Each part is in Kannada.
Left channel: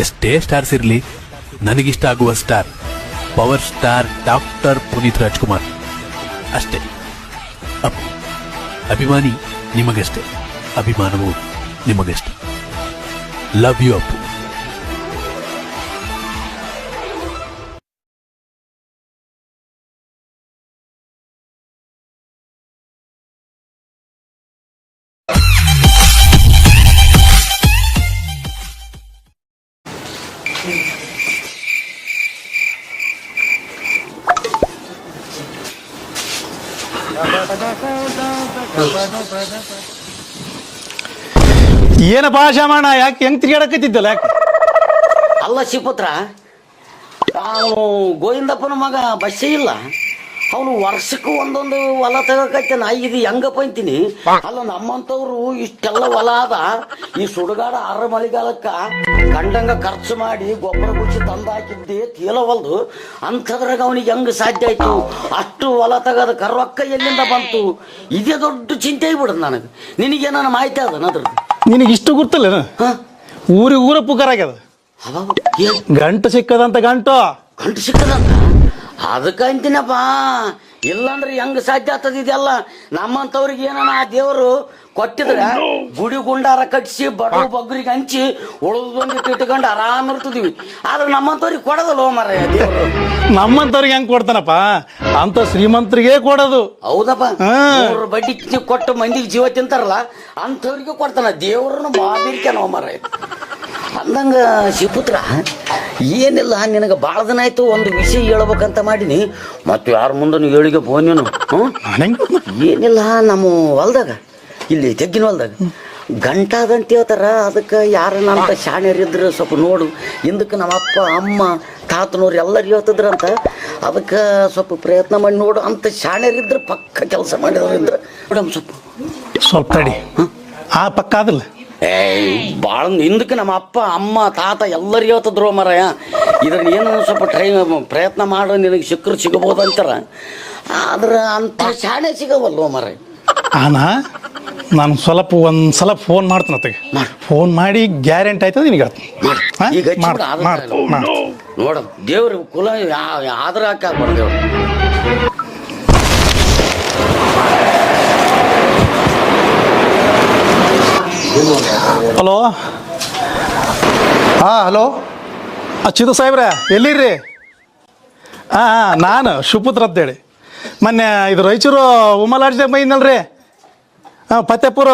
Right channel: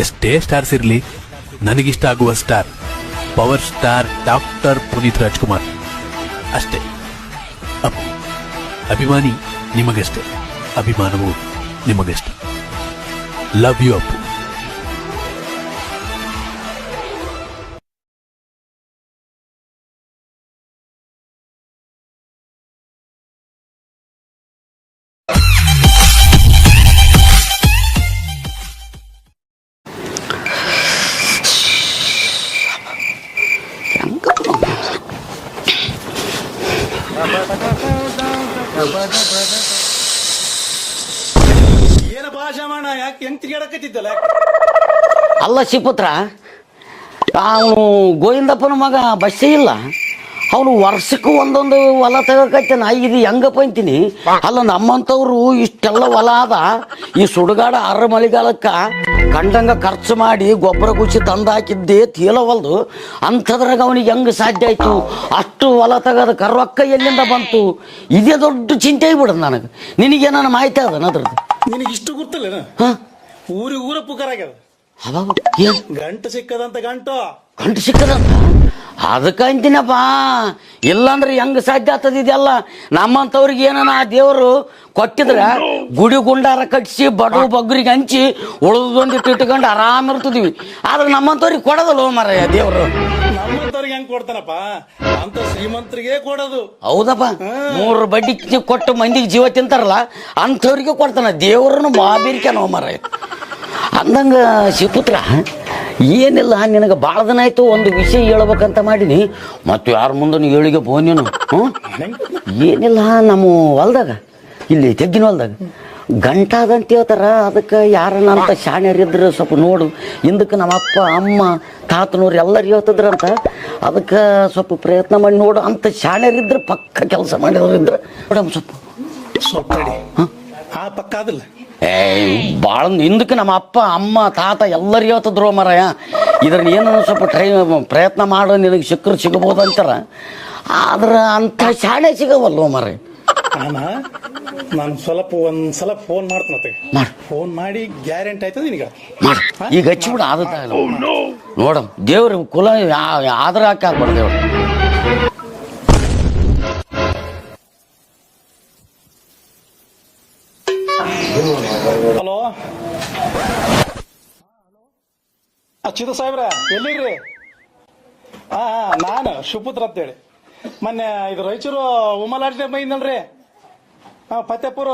ಎಷ್ಟೇ ಸ್ಟಾರ್ಸ್ ಇರಲಿ, ನನಗಿಷ್ಟ ಆಗುವ star power star doctor Puneeth Rajkumar ಅಷ್ಟೇ. ಅಪ್ಪು ಅಭಿಮಾನಿ ನಿಮಗಷ್ಟೇ, ಅಭಿಮಾನವು ನಿಮಗಷ್ಟೇ. Love you Appu. ಏನಪ್ಪಾ ಶಾಮಣ್ಣ, ಯಾಕೆ ಹೆಂಗ್ ತಿರ್ಗಾಡಕತ್ತಿದ್ದಲ್ಲ? ಯಾಕೆ ಅಲ್ಲ ಶಿಪುತ್ರ, ಅವನು ಗೋವಿಂದಪ್ಪನ ಮಗ ಬಸ್ಸೇ ಇಲ್ಲ, ಅವನು ವರ್ಷಕ್ಕೂ ಒಂದೊಂದು ಹೊಲ ತಗೋಕತ್ತಾನ. ಇದು ಹೆಂಗಪ್ಪ ಅಂತೀನಿ. ಅಲ್ಲ ನಮ್ಮಂಥವ್ರು ಇಷ್ಟೆಲ್ಲ ಹೊಲ ಅದ, ಈ ಸುಡುಗಾಡ ಅರ ಮಳೆಗಾಲಕ್ಕ ಕಂಡಂಗ ಖರ್ಚು ಮಾಡಿ ಗೊಬ್ಬರ ಗುಚ್ಚಿ ತಂದು ಹಾಕಿದ್ದೆ ತೀಲವಲ್ದು. ಅಂಥದ್ರಾಗ ಅವನಿಗೆ ಹೆಂಗ್ ಸಾಧ್ಯ ಆಯ್ತು ಅಷ್ಟು ಹೊಲ ತಗೋದಕ್ಕೆ? ರೊಕ್ಕ ಎಲ್ಲಿಂದ ಬಂತು? ಇದೇ ದೊಡ್ಡ ಚಿಂತೆ ಆಗ್ಬಿಡದು ನನಗೆ. ನಿನಗೇನಾನ ಮಾಹಿತಿ ಅದ ಅದ್ರದ್ದು? ನಿನಗೆ ಇಷ್ಟು ಗೊತ್ತಿಲ್ಲ? ಊರ ಪುಕಾರ ಆಗ್ಯದ, ಗಂಟು ಸಿಕ್ಕದಂತ. ಗಂಟು ಸಿಕ್ಕದ ಅದಕ್ಕೆ ಅಂತೀನಪ್ಪ. ಇಲ್ಲಾಂದ್ರೆ ಹೆಂಗ್ ಸಾಧ್ಯ ಆಗ್ತದ ಇದೆಲ್ಲ? ನಮ್ಮಂಥವ್ರಿಗೆ ಏನಾನ ಆ ದೇವರು ಕೊಟ್ಟಿದ್ರೆ ಗುಡಿ ಗುಂಡಾರ ಕಟ್ಟಿಸಿ ಬಡವ ಬಗ್ಗರಿಗೆ ಹಂಚಿ ಉಳಿದೊಂದಿಟ್ಟು ಇಟ್ಕೊಂಡು ಆರಾಮ ಇರ್ತಿದ್ವಿ. ಆದ್ರೆ ನಮ್ಮಂಥವ್ರಿಗೆ ಕೊಡೋದಲ್ಲ ಮರ ದೇವರು. ನಮ್ಮಂತವ್ರಿಗೆ ಹೆಂಗ್ ಕೊಡ್ತಾನಪ್ಪ? ಅಂತ ಶ್ರೀಮಂತರಿಗೆ ಕೊಡೋದು. ಹೌದಪ್ಪ, 3 ಬಡ್ಡಿ ಕೊಟ್ಟು ಮಂದಿಗೆ ಜೀವ ತಿಂತಾರಲ್ಲ ಅಂಥವ್ರಿಗೆ ಕೊಡ್ತಾನ. ದೇವ್ರನ್ನು ಬಾಬಿರ್ಕೆ ನಾವು ಮರ. ಅಂದಂಗ ಶಿಪುತ್ರ, ಏನಿಲ್ಲ, ನಿನಗೆ ಭಾಳ ದಿನ ಆಯ್ತು ಒಂದು ವಿಷಯ ಹೇಳ್ಬೇಕಂತ ಮಾಡೀನಿ. ಮತ್ತು ಯಾರ ಮುಂದೆ ಹೇಳಿಗೆ ಬೋನೇನು? ಏನಿಲ್ಲ, ನಮ್ಮ ಹೊಲ್ದಾಗ, ಇಲ್ಲಿ ತೆಗ್ಗಿನ ಹೊಲ್ದಾಗ ಗಂಟೆ ಹೇಳ್ತಾರ. ಅದಕ್ಕೆ ಯಾರನ್ನ ಅಂತ ಶಾಣ್ಯರಿದ್ರು ಸ್ವಲ್ಪ ನೋಡು. ಹಿಂದಕ್ಕೆ ನಮ್ಮ ಅಪ್ಪ ಅಮ್ಮ ತಾತನವ್ರು ಎಲ್ಲರೂ ಹೇಳ್ತಿದ್ರಂತ. ಅದಕ್ಕೆ ಸ್ವಲ್ಪ ಪ್ರಯತ್ನ ಮಾಡಿ ನೋಡು ಅಂತ ಶಾಣ್ಯರಿದ್ರು, ಪಕ್ಕ ಕೆಲಸ ಮಾಡಿದ್ರಿದ್ರೆ ಮೇಡಮ್ ಸ್ವಲ್ಪ ಆ ಪಕ್ಕ ಆದಿಲ್ಲ. ಭಾಳ ಹಿಂದಕ್ಕೆ ನಮ್ಮ ಅಪ್ಪ ಅಮ್ಮ ತಾತ ಎಲ್ಲರೂ ಹೇಳ್ತಿದ್ರು ಮರಯ. ಇದ್ರನ್ನ ಏನು ಸ್ವಲ್ಪ ಪ್ರಯತ್ನ ಮಾಡೋ, ನಿನಗೆ ಸಿಕ್ಕರು ಸಿಗಬಹುದು ಅಂತಾರ. ಆದ್ರೆ ಅಂತ ಶಾಣೆ ಸಿಗವಲ್ವ ಮರ. ನಾನು ಸ್ವಲ್ಪ ಒಂದ್ಸಲ ಫೋನ್ ಮಾಡ್ತೀನಿ ಅತ್ತಗೆ. ಫೋನ್ ಮಾಡಿ ಗ್ಯಾರಂಟಿ ಆಯ್ತದ ನಿನಗೆ ಈಗ ನೋಡ. ದೇವ್ರ ಕುಲ ಆದ್ರ ಹಾಕ. ಹಲೋ. ಹಲೋ ಚಿದು ಸಾಹೇಬ್ರ, ಎಲ್ಲಿರ್ರಿ? ನಾನು ಶಿವಪುತ್ರ ಅಂತೇಳಿ ಮೊನ್ನೆ ಇದು ರಾಯಚೂರು ಉಮಲಾಡ್ಜಾಗ ಬೈನಲ್ರಿ. ಫತೇಪುರ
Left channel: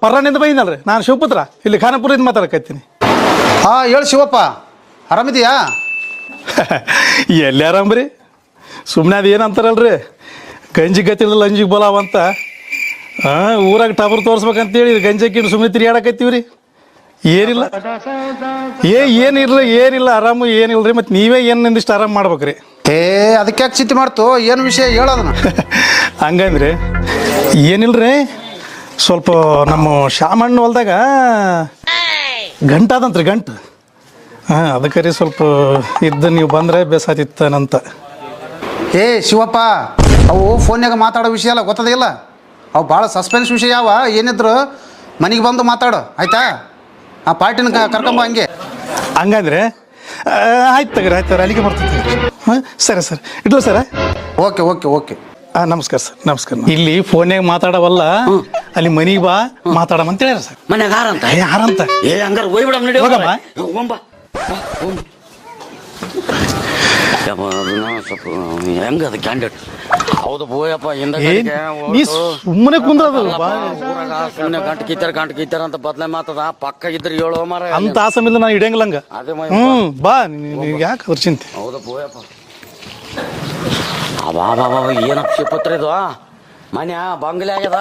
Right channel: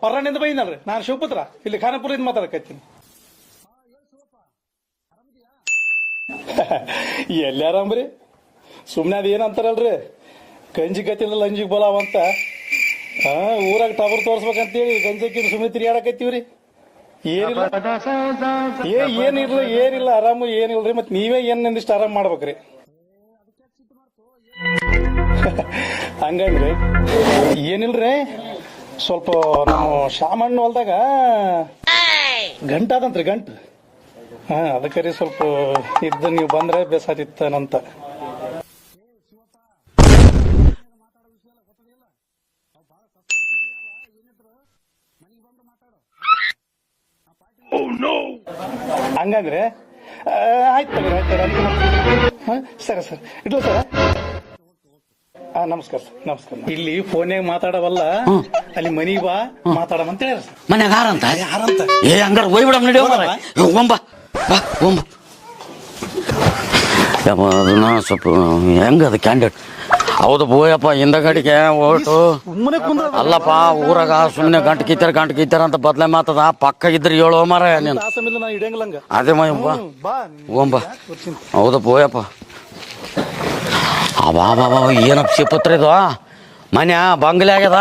ಪರ್ರಾಣಿಂದ ಬೈನಲ್ರಿ. ನಾನು ಶಿವಪುತ್ರ, ಇಲ್ಲಿ ಖಾನಾಪುರದಿಂದ ಮಾತಾಡಕತ್ತೀನಿ. ಹೇಳು ಶಿವಪ್ಪ, ಆರಾಮಿದೆಯಾ? ಎಲ್ಲಿ ಆರಾಮ್ರಿ? ಸುಮ್ಮನೆ ಅದು ಏನಂತಾರಲ್ರಿ, ಗಂಜಿ ಗತಿಲ್ಲ ಅಂಜಿಗೆ ಬೋಲಾವಂತ. ಊರಾಗ ಟಬರ್ ತೋರಿಸ್ಬೇಕಂತೇಳಿ ಗಂಜಕ್ಕಿಟ್ಟು ಸುಮ್ಮನೆ ತಿರುಗಾಡಕತ್ತೀವ್ರಿ. ಏನಿಲ್ಲ ಏನಿಲ್ಲ ಆರಾಮು ಏನಿಲ್ರಿ. ಮತ್ತು ನೀವೇ ಏನು ನಿಂದಿಷ್ಟು ಆರಾಮ್ ಮಾಡ್ಬೇಕ್ರಿ. ಅದಕ್ಕೆ ಯಾಕೆ ಚಿಂತೆ ಮಾಡ್ತು? ಏನು ವಿಷಯ ಹೇಳೋದನ್ನ? ಹಂಗಂದ್ರಿ ಏನಿಲ್ರಿ, ಸ್ವಲ್ಪ ನಮ್ಮ ಶಾಮಣ್ಣ ಹೊಲ್ದಾಗ ಗಂಟಾದಂತ್ರಿ, ಗಂಟು. ಅದಕ್ಕೆ ರೀ ಸ್ವಲ್ಪ ಇದ್ದು ನೀವು ಬಂದರೆ ಬೇಸಾತಿತ್ತನಂತ. ಶಿವಪ್ಪ, ಅವು ಫೋನ್ಯಾಗ ಮಾತಾಡೋ ವಿಷಯ ಅಲ್ಲ, ಗೊತ್ತದಿಲ್ಲ. ಅವು ಭಾಳ ಸಸ್ಪೆನ್ಸ್ ವಿಷಯ ಯಾವ. ಏನಿದ್ರು ಮನೆಗೆ ಬಂದು ಮಾತಾಡು, ಆಯ್ತಾ? ಆ ಪಾರ್ಟಿನ ಕರ್ಕೊಂಬ. ಹಂಗಂದ್ರೆ ಆಯ್ತು ತಗ್ರಿ, ಆಯ್ತು ಅಲ್ಲಿಗೆ ಮಾಡ್ತೀನಿ. ಸರಿ ಸರ್, ಇಡ್ಲ ಸರ್. Okay okay okay. ನಮಸ್ಕಾರ ಸರ್, ನಮಸ್ಕಾರ. ಇಲ್ಲಿ ಫೋನ್ಯಾಗ ಮಾತಾಡವಲ್ಲ, ಅಲ್ಲಿ ಮನಿಗೆ ಬಾ ಮಾತಾಡಮಂತ ಹೇಳ್ಯಾರ ಸರ್. ಮನ್ಯಾಗ ಯಾರಂತ? ಯಾರಂತ? ಹಂಗಾರೆ ಹೋಗ್ಬಿಡ ಸ್ವಲ್ಪ ಹೆಂಗದ ಕ್ಯಾಂಡಿಡೇಟ್? ಹೌದು ಬೋಯಪ್ಪ, ಹಿಂದಗಡೆಗೆ ಸುಮ್ಮನೆ ಕುಂದ್ರಲ್ಲಪ್ಪ. ಊರಾಗ ಸುಮ್ಮನೆ ಗಂಟು ಕಿತ್ತಾರ ಅಂತ ಬದ್ಲೆ ಮಾತದ. ಪಕ್ಕ ಇದ್ರೆ ಹೇಳೋ ಮಾರ ಅಂತ ಆಸಮಿಲ್ಲ ನಾನು ಇಡಂಗಿಲ್ಲ ಹಂಗ. ಅದೇ ಬಾ, ಯಾಕೆ ಚಿಂತೆ? ಹೌದಾ ಬೋಯಪ್ಪ. ಅಬಾಬಾ, ಏನಪ್ಪ ಶಿಪತ್ರ ಇದು? ಮನೆ ಬಂಗ್ಲೆ ಆಗ್ಯದ.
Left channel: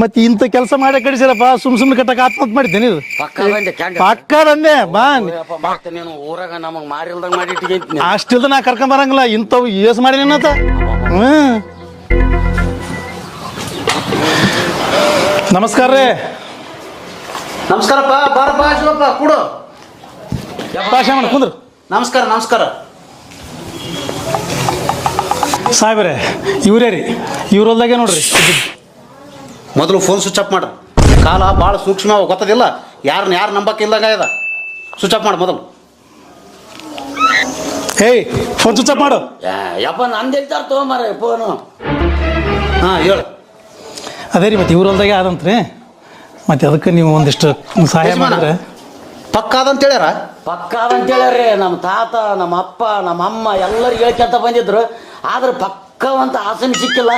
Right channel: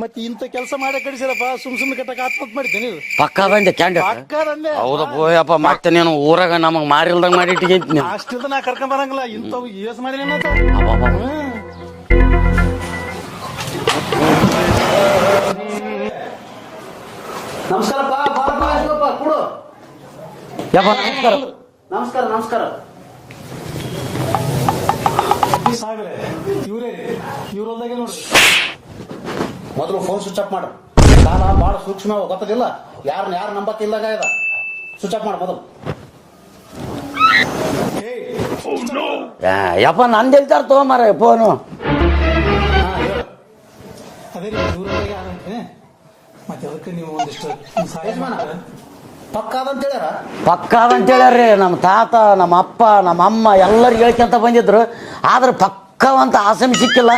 ಮತ್ತೆ ಇಂಥ ಕೆಲಸ ಮಾಡಿ ಕಡಿಸಿರಪ್ಪ, ಸುಮ್ಮನೆ ಕಟ್ಟಕ್ಕೆ ಆತ್ಮಹತ್ಯೆ ಮಾಡಿದ್ದೇನೆ. ಪಕ್ಕದಂದೆ ಮತ್ತೆ ನೀನು ಊರಾಗ ನಮಗ್ ಮಾರಿಲ್ದಂಗ ಮಾಡಿ ಅಷ್ಟಿಲ್ದ ನಾ ಕರ್ಕೊಂಡ್ ಬರಂಗಿಲ್ಲ. ಇಂಥವು ಏಸ್ ಮಾಡಿ ಏನಂತ. ನಮಸ್ಕಾರ ರೀ. ನಮಸ್ಕಾರಪ್ಪ. ಬಾರಪ್ಪ ಶಿವಪ್ಪ, ಕೂಡು. ನಮಸ್ಕಾರ ನಮಸ್ಕಾರ. ಸಾಹೇಬ್ರೆ, ಇವರೇ ರೀ, ಇವ್ರ ಹೊಲ್ದಾಗೆ ನೋಡ್ರಿ. ಮೊದಲು ಫೋನ್ ಸ್ವಿಚ್ ಆಫ್ ಮಾಡ್ರಿ. ಕಾಲ ಭಾಳ ಸೂಕ್ಷ್ಮ, ಗೊತ್ತದಿಲ್ಲ. ಯಾರು ನಂಬಕ್ಕೆ ಇಲ್ದಂಗ ಇದೆ. ಸ್ವಿಚ್ ಆಫ್ ಮಾಡು ಮೊದಲು. ಏಯ್ ಫೋನ್ ಸ್ವಿಚ್ ಆಫ್ ಮಾಡು. ಯಪ್ಪ ನಂದು ಹೇಳ್ತಾರ ತೊಗೊಂಬಾರ ಫೋನು. ಹಾಂ ಹೇಳು. ಅದೇ ರೀ ಮತ್ತೆ ಇವ್ರ ಹೊಲ್ದಾಗೆ ಆದಂತ್ರಿ, ಮತ್ತೆ ಅದಕ್ಕೆ ನೀವು ಒಂದಿಷ್ಟು ಸಹಾಯ ಮಾಡಿದ್ರೆ. ಪಕ್ಕ ಅದಂತ ಹೇಳ್ಯಾರ. ಪಕ್ಕ ಅಂತ ಹೇಳ್ಯಾರ್ರಿ ನಮ್ಮ ತಾತ, ನಮ್ಮ ಅಪ್ಪ, ನಮ್ಮ ಅಮ್ಮ ಎಲ್ಲರಿಗೆ ಹೇಳ್ಕೊಂತ ಬಂದಿದ್ರು. ಆದ್ರೆ ಪಕ್ಕವಂತ ಆಸನ ಸಿಕ್ಕಿಲ್ಲ.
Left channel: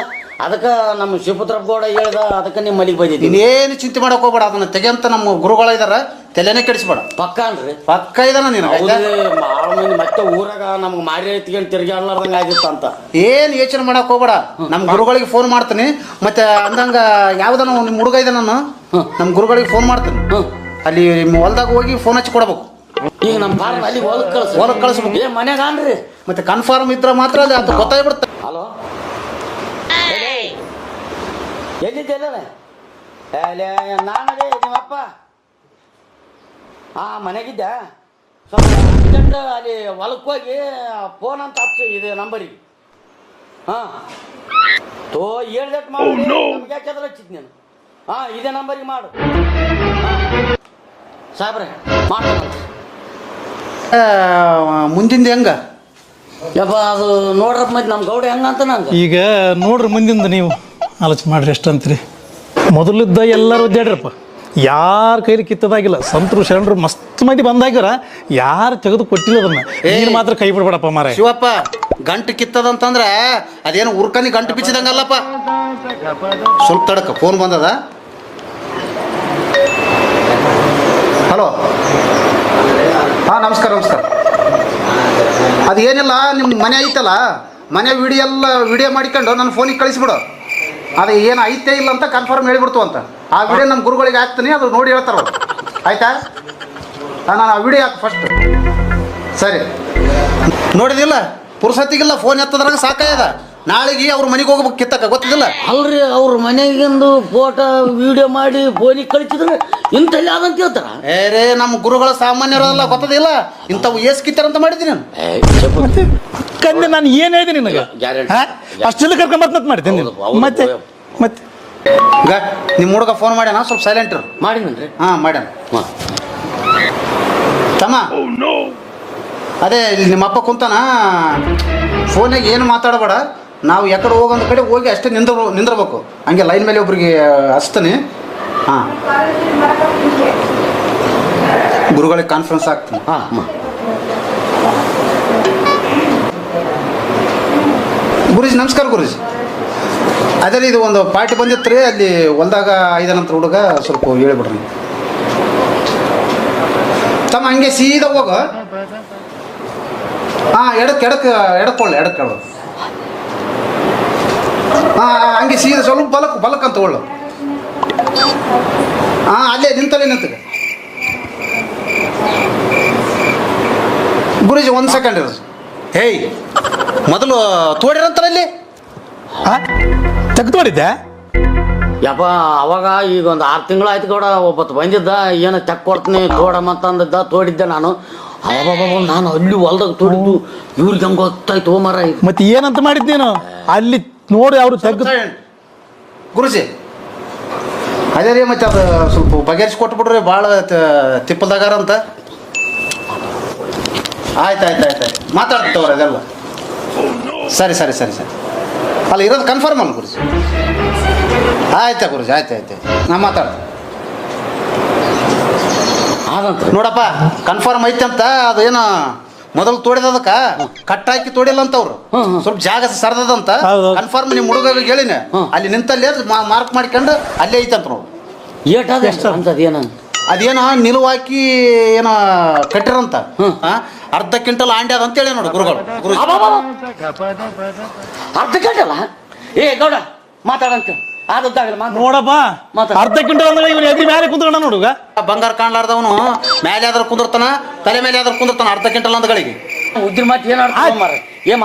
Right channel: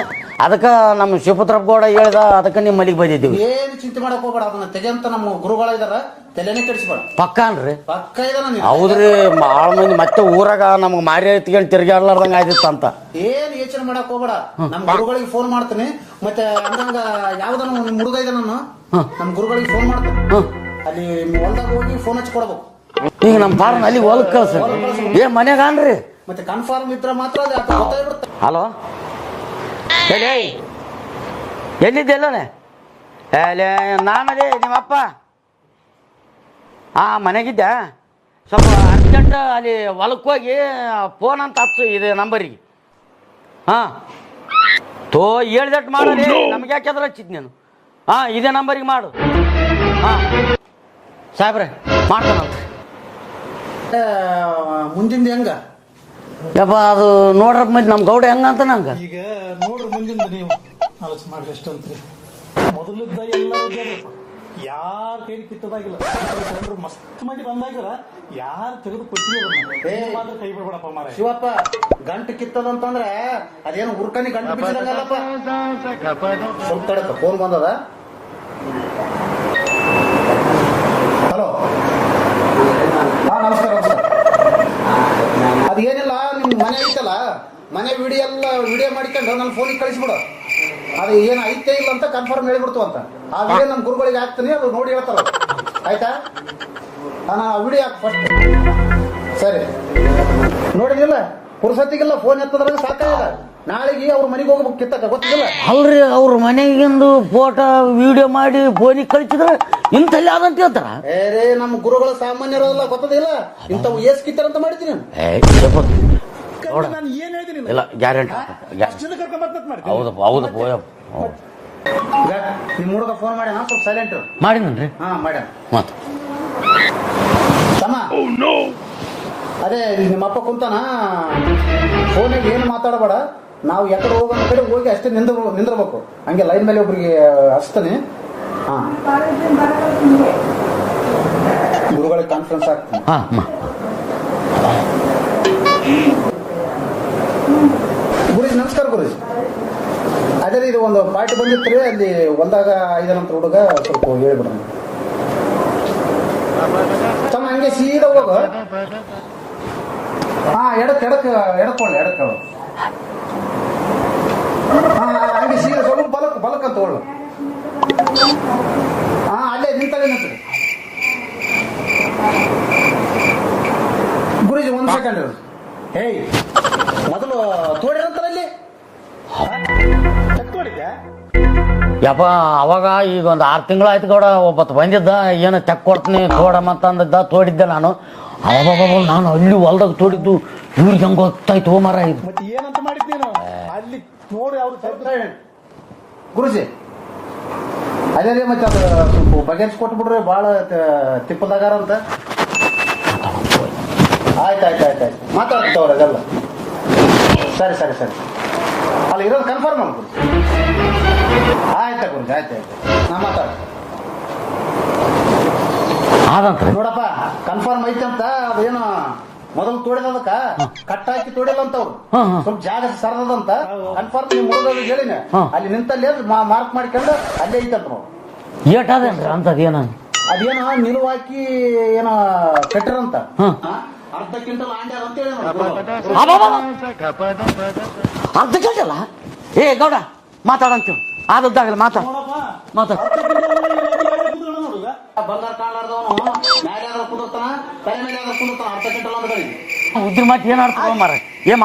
ಅದಕ್ಕೆ ನಮ್ಮ ಶಿವಪುತ್ರಪ್ಪ ಗೌಡ ಹೇಳ್ದ, ಅದಕ್ಕೆ ನಿಮ್ಮ ಮನೆಗೆ ಬಂದಿದ್ದೀನಿ. ನೀನೇನು ಚಿಂತೆ ಮಾಡಕ್ ಹೋಗ್ಬೇಡ, ಅದನ್ನ ತೆಗೆಂತ ನಮ್ಮ ಗುರುಗಳ ಇದಾರ, ತಲೆನೇ ಕೆಡಿಸ್ಬೇಡ. ಪಕ್ಕ ಅನ್ರಿ? ಪಕ್ಕ ಇದಾನ ನೀನು. ಹೌದ್ರಿ, ಭಾಳ ಮಂದಿ ಮತ್ತೆ ಊರಾಗ ನಮ್ಗೆ ಮಾರಿ ಎತ್ಕೊಂಡು ತಿರ್ಗಾಡ್ಲಾರ್ದಂಗ ಆಗಿತ್ತಂತ. ಏನು ಯೋಚನೆ ಮಾಡಕ್ ಹೋಗ್ಬೇಡ, ನಮ್ಮ ಗುರುಗಳಿಗೆ ಫೋನ್ ಮಾಡ್ತೀನಿ. ಮತ್ತೆ ಅಂದಂಗ ಯಾವ್ದನ ನಿಮ್ಮ ಹುಡುಗ ಇದೆ, ನಾನು ನಮ್ಮ ಗುರುಗಳಿಗೆ ಫೋನ್ ಮಾಡ್ತೀನಿ. ಅಲ್ಲಿ ನಿಮ್ಮ ಹೊಲ್ದಾಗ ಹೋಗಿ ಫೋನ್ ಹಚ್ಚಿ ಕೊಡ್ಬೇಕು. ಈಗ ನಮ್ಮ ಫಾರ್ಮ್ ಅಲ್ಲಿ ಹೊಲಕ್ಕೆ ಕಳಿಸ್ಬೇಕು. ಏ ಮನ್ಯಾಗ ಅನ್ರಿ? ಮತ್ತೆ ಕನ್ಫರ್ಮ್ ಇದ್ರೆ ಮಾತ್ರ ಅದು ಗೊತ್ತಾಗ್ಬಿಡುತ್ತೆ. ಹಲೋ, ಎಲ್ಲಿದ್ದೆಲ್ಲೇ? ನಾನಲ್ಲಿ ನಿಮ್ಮಪ್ಪ ಮನೆಗಿದ್ದೆ. ಸ್ವಲ್ಪ ಅರ್ಜೆಂಟ್ ಅಲ್ಲಿ ಹೊಲಕ್ಕೆ ಹೋಗಿ ಫೋನ್ ಅಂತ ಹಚ್ಚು ಇದೆ ನಂಬರಿಗೆ. ಹಾಂ ತೋ ಹೇಳ್ದಟ್ಟು ಮಾಡಿ, ನಮ್ಗೆ ಯಾಕೆದ್ರ ಹಚ್ಚಿದ್ ನೀನು? ಹಾಂ ಇದೇ ನಂಬರಿಗೆ ಮಾಡು. ಹಾಂ ಸಾಹೇಬ್ರೆ ಮಾಡೋಣ. ಮುಂದಿಂದ ಹೆಂಗ ಯಪ್ಪ ಅದು ನೋಡ್ರಪ್ಪ, ಮತ್ತೆ ನಮ್ಮ ಗೌಡ ಹೆಂಗಂತ ನಂಗೆ. ಈಗ ನೋಡ್ರಿ ಮುಂದಿಂದ ನೀವು ಆಲೋಚನೆ ಮಾಡ್ರಿ ಎಷ್ಟು ಅಂತೀರಿ. ಮೊದಲಿದ್ದ ಎಲ್ಲರೂ ಒದ್ದಾಡ್ರಪ್ಪ, ಯಾರ ಕೈಲಿ ಕಿತ್ತದಾಗಿಲ್ಲ. ಸಂತರು ಶರಣರು ಮಸ್ತ್ ಮಂದಿ ಬಂದಾಗ್ಯಾರ, ಯಾರು ತೆಗೆದು ಕೊಟ್ಟಿಲ್ಲ ಅದನ್ನ. ನೀನು ಮಾತ್ರ ಕೈ ಬಿಡ್ಬೇಡಪ್ಪ ಮಾರ. ಶಿವಪ್ಪ, ಗಂಟು ಕಿತ್ತದಂತಂದ್ರೆ ಅದೇನು ಉರ್ಕನಿ ಗಂಟು ಬಿಚ್ಚಿದಂಗಲ್ಲಪ್ಪ. ಸ್ವಲ್ಪ ತಡಕ ಫೋನ್ ಬಂದದ. ಹಲೋ, ಹಾಂ ನಮಸ್ಕಾರ ನಮಸ್ಕಾರ. ಅದೇನಿಲ್ಲ, ನಿಮ್ಮ ಮನೆ ಐತಲ್ಲ, ಮನೆ ವಿಡಿಯೋ ಮಾಡಿಕೊಂಡು ನನ್ನ ಫೋನಿಗೆ ಕಳಿಸ್ಬಿಡು. ಅದು ಏನು ಐತೆ ಇಲ್ಲ ಅಂತ ಕನ್ಫರ್ಮ್ ಹೇಳಿಬಿಡ್ತು ಅಂತ. ಆ ವಿಡಿಯೋ ನಮ್ಮ ಗುರುಗಳಿಗೆ ಹಾಕ್ತೀನಿ, ಅದು ನೋಡಿ ಹೇಳ್ತಾರೆ. ಆಯ್ತಾ? ನಾನು ಆ ವಿಡಿಯೋ ಹಾಕಿ ಫಸ್ಟ್. ಸರಿ, ನೋಡಿದಿಲ್ಲ ಪುರುಸತ್ತಿಗೆಲ್ಲ ಫೋನ್ ಎತ್ತದ್ರಾಗ ಸಾಕಾಗ್ಯದ. ನಾಳೆಗೆ ಅವ್ರ ಮನೆಗೆ ಹೋಗ್ಬೇಕು ಕಿತ್ತಕ್ಕ, ಗೊತ್ತಿಲ್ಲ ಅವ್ರಿ ಅವ್ರ ಮನೆಗಿಂದು ಫೋಟೋ ವಿಡಿಯೋ ಮಾಡಿ ಫೋನಿಗೆ ಕಳಿಸಿದ್ರೆ ಇಂಥಲ್ಲಿ ಆದಂತ ಹೇಳ್ತಾರ. ಏರೇ ನಮ್ಮ ಗುರುಗಳ ಸಾಮಾನ್ಯರಲ್ಲ, ಗೊತ್ತದಿಲ್ಲ ಇಂಥವು ಏಸ್ ಕಿತ್ತಾರಂತ ಮಾಡಿದ್ದೀನಿ ನಾನು. ಕಂದೆ ನಾನು ಏನು ಹೇಳಿದೆ ನಿನಗೆ? ಗ್ಯಾರಂಟಿ ಅಷ್ಟೆಲ್ಲ ಕರ್ಕೊಂಬರ್ತ ಮಾಡ್ತೀನಿ ಮತ್ತೆ ಮತ್ತೆ ಈಗ ನಿಮ್ಮ ಹುಡುಗ ಫೋನ್ ಮಾಡ್ಯಾನ, ಸ್ವಲ್ಪ ಸೈಲೆಂಟ್ ಮಾಡಿದ್ರಿ. ಹಾಂ ಮಾಡ್ಯಾನ. ತಮ್ಮ ಅದೇ ಇಲ್ಲಿ ನಿಮ್ಮ ಅಪ್ಪ ಕುಂತಾನ, ಫೋನಾಗ ಏನು ಮಾತಾಡಬೇಡ. ನಾವು ಯಾಕಡೆ ಹೋಗೋ ಕಡೆ ಹೋಗಿ ಅಷ್ಟೇ ನಿಂದಿರ್ಬೇಕು. ಹಂಗೆ ಲೈನ್ ಮೇಲೆ ಒಬ್ರಿಗೆ ಹಚ್ತಾನೆ. ಹಾಂ, ಗುರುಗಳಿಗೆ ಕಾನ್ಫರೆನ್ಸ್ ಆಗ್ತಾನೆ. ಗುರುಜಿ ನಮಸ್ಕಾರ. ಗುರುಜಿ ಅದೇ ಇದು ಒಂದು ಪಾರ್ಟಿ ಬಂದಿತ್ತು ರೀ, ಅಲ್ಲಿ ಹೊಲ್ದಾಗ ಐದನಂತರ ಹುಡುಗ, ಸ್ವಲ್ಪ ಹೇಳ್ಬಿಡ್ರಿ ತಮ್ಮ. ಹಂಗೆ ಸೀದಾ ಹೋಗ. ಹಾಂ ಎಡಕ್ಕೊಳ್ಳಿ. ಹಾಂ ಹಂಗೆ ಸೀದಾ ಸ್ವಲ್ಪ ಬಲಕ್ ಅಂತ ಒಳ್ಳು. ಹಾಂ ಅಲ್ಲೇ ನಿಂತು ಗುರುಜಿ ಒಂದು ಸೆಕೆಂಡ್ ಇರೋದು. ಹೇಯ್, ಮೊದಲು ತೋಡಿರಂತಾರ ಇಲ್ಲಿ ತೆಗೆದು ಮಾಡಿದ್ದೆ. ಯಪ್ಪ ಅವಾಗ ಈಗ ಒಂದು 6 ತಿಂಗಳು ಆಯ್ತು ಗೌಡ. ಒಬ್ಬತ್ತು ಬಂದಿದ್ದ, ಏನು ತೆಕ್ ಕೊಡ್ತೀನಿ ತೋಡಮ್ಮಂತಂದಿದ್ದ, ತೋಡಿದ್ದೆ ನಾನು. ನಾನು ಅಲ್ಲಿ ಹೊಲ್ದಾಗ ತೋಡಿದ್ದು ಇವ್ರಿಗೆ ಹಂಗೆ ಗೊತ್ತಾಯ್ತು ಮರ. ಮತ್ತೆ ಏನಂತ ಮಾಡಿದ್ದೇನು ಅಲ್ಲಿ ನೋಡಿ ಅವರು ತೆಗೆದು. ಗುರುಜಿ ಅದೇ ರೀ, ಮತ್ತೆ ಅದು ಸ್ವಲ್ಪ ಬಗೆಹರಿಸಿ ಕೊಟ್ಬಿಡ್ರಿ, ಭಾಳ ತಿಪ್ಪಲ್ದಾಗಾರಂತ. ಆಯ್ತು ಮಾತಾಡ್ತವ್ರ ಅದೆಲ್ಲ. ಸರಿ ಅಲ್ಲ ಇರೋದು ಕನ್ಫರ್ಮ್ ಅಲ್ಲ ಗುರುಜಿ? ಆಯ್ತಾ ಗುರುಜಿ, ಆಯ್ತು ನಾ ಮಾತಾಡ. ನೋಡಪ್ಪ ಕನ್ಫರ್ಮ್ ಐತಂತ. ಅದೇನು ಮೊದಲು ತೋಡಿದದಕ್ಕ ಕಟ್ ಹಾಕಿ ತೋಡಿಲ್ಲ ಅಂತ ಅವ್ರು, ಸ್ವಲ್ಪ ಜಾಗ ಸರದಂತ. ಕನ್ಫರ್ಮ್ ನಿಮ್ಮ ಹುಡುಗ ಹೇಳಿನ, ಅಲ್ಲಿ ನಿಂತಲ್ಲಿ ಮಾರ್ಕ್ ಮಾಡ್ಕೊಂಡು ಅಲ್ಲೇ ಐತಂತ ನಾವು. ಅದೇನೋ ನಿಲುವು ಹಾಕಿ ಏನೋ ಕಟ್ಟಿರಂತ. ಅರ್ಧ ಕ್ವಿಂಟಲ್ ಆಂಡಿ ಅದ ಅಂತೇಳಿ ನೋಡಿ ಗುರುಗಳು. ಅರ್ಧ ಕ್ವಿಂಟಲ್? ಏ ಗೌಡ ಮಾತಾಡಂತ ನೋಡಪ್ಪ, ಅರ್ಧ ಕ್ವಿಂಟಲ್ ಮೇಲೆ ಕುಂತ್ಕೊಂಡ ನೋಡುಗ. ಬಂಗಾರ ಕಾಣ್ಲಾರ್ದವನು ಮೇಲೆ ಆದ್ರ ಕುಂದಿರ್ತಾನ, ತಲೆ ಮೇಲೆ ಆದ್ರ ಕುಂದಿರ್ತಾನ. ಅರ್ಧ ಕ್ವಿಂಟಲ್ ಅಂದಗಳಿಗೆ ಉದ್ದಿ ಮಾತು ಏನ್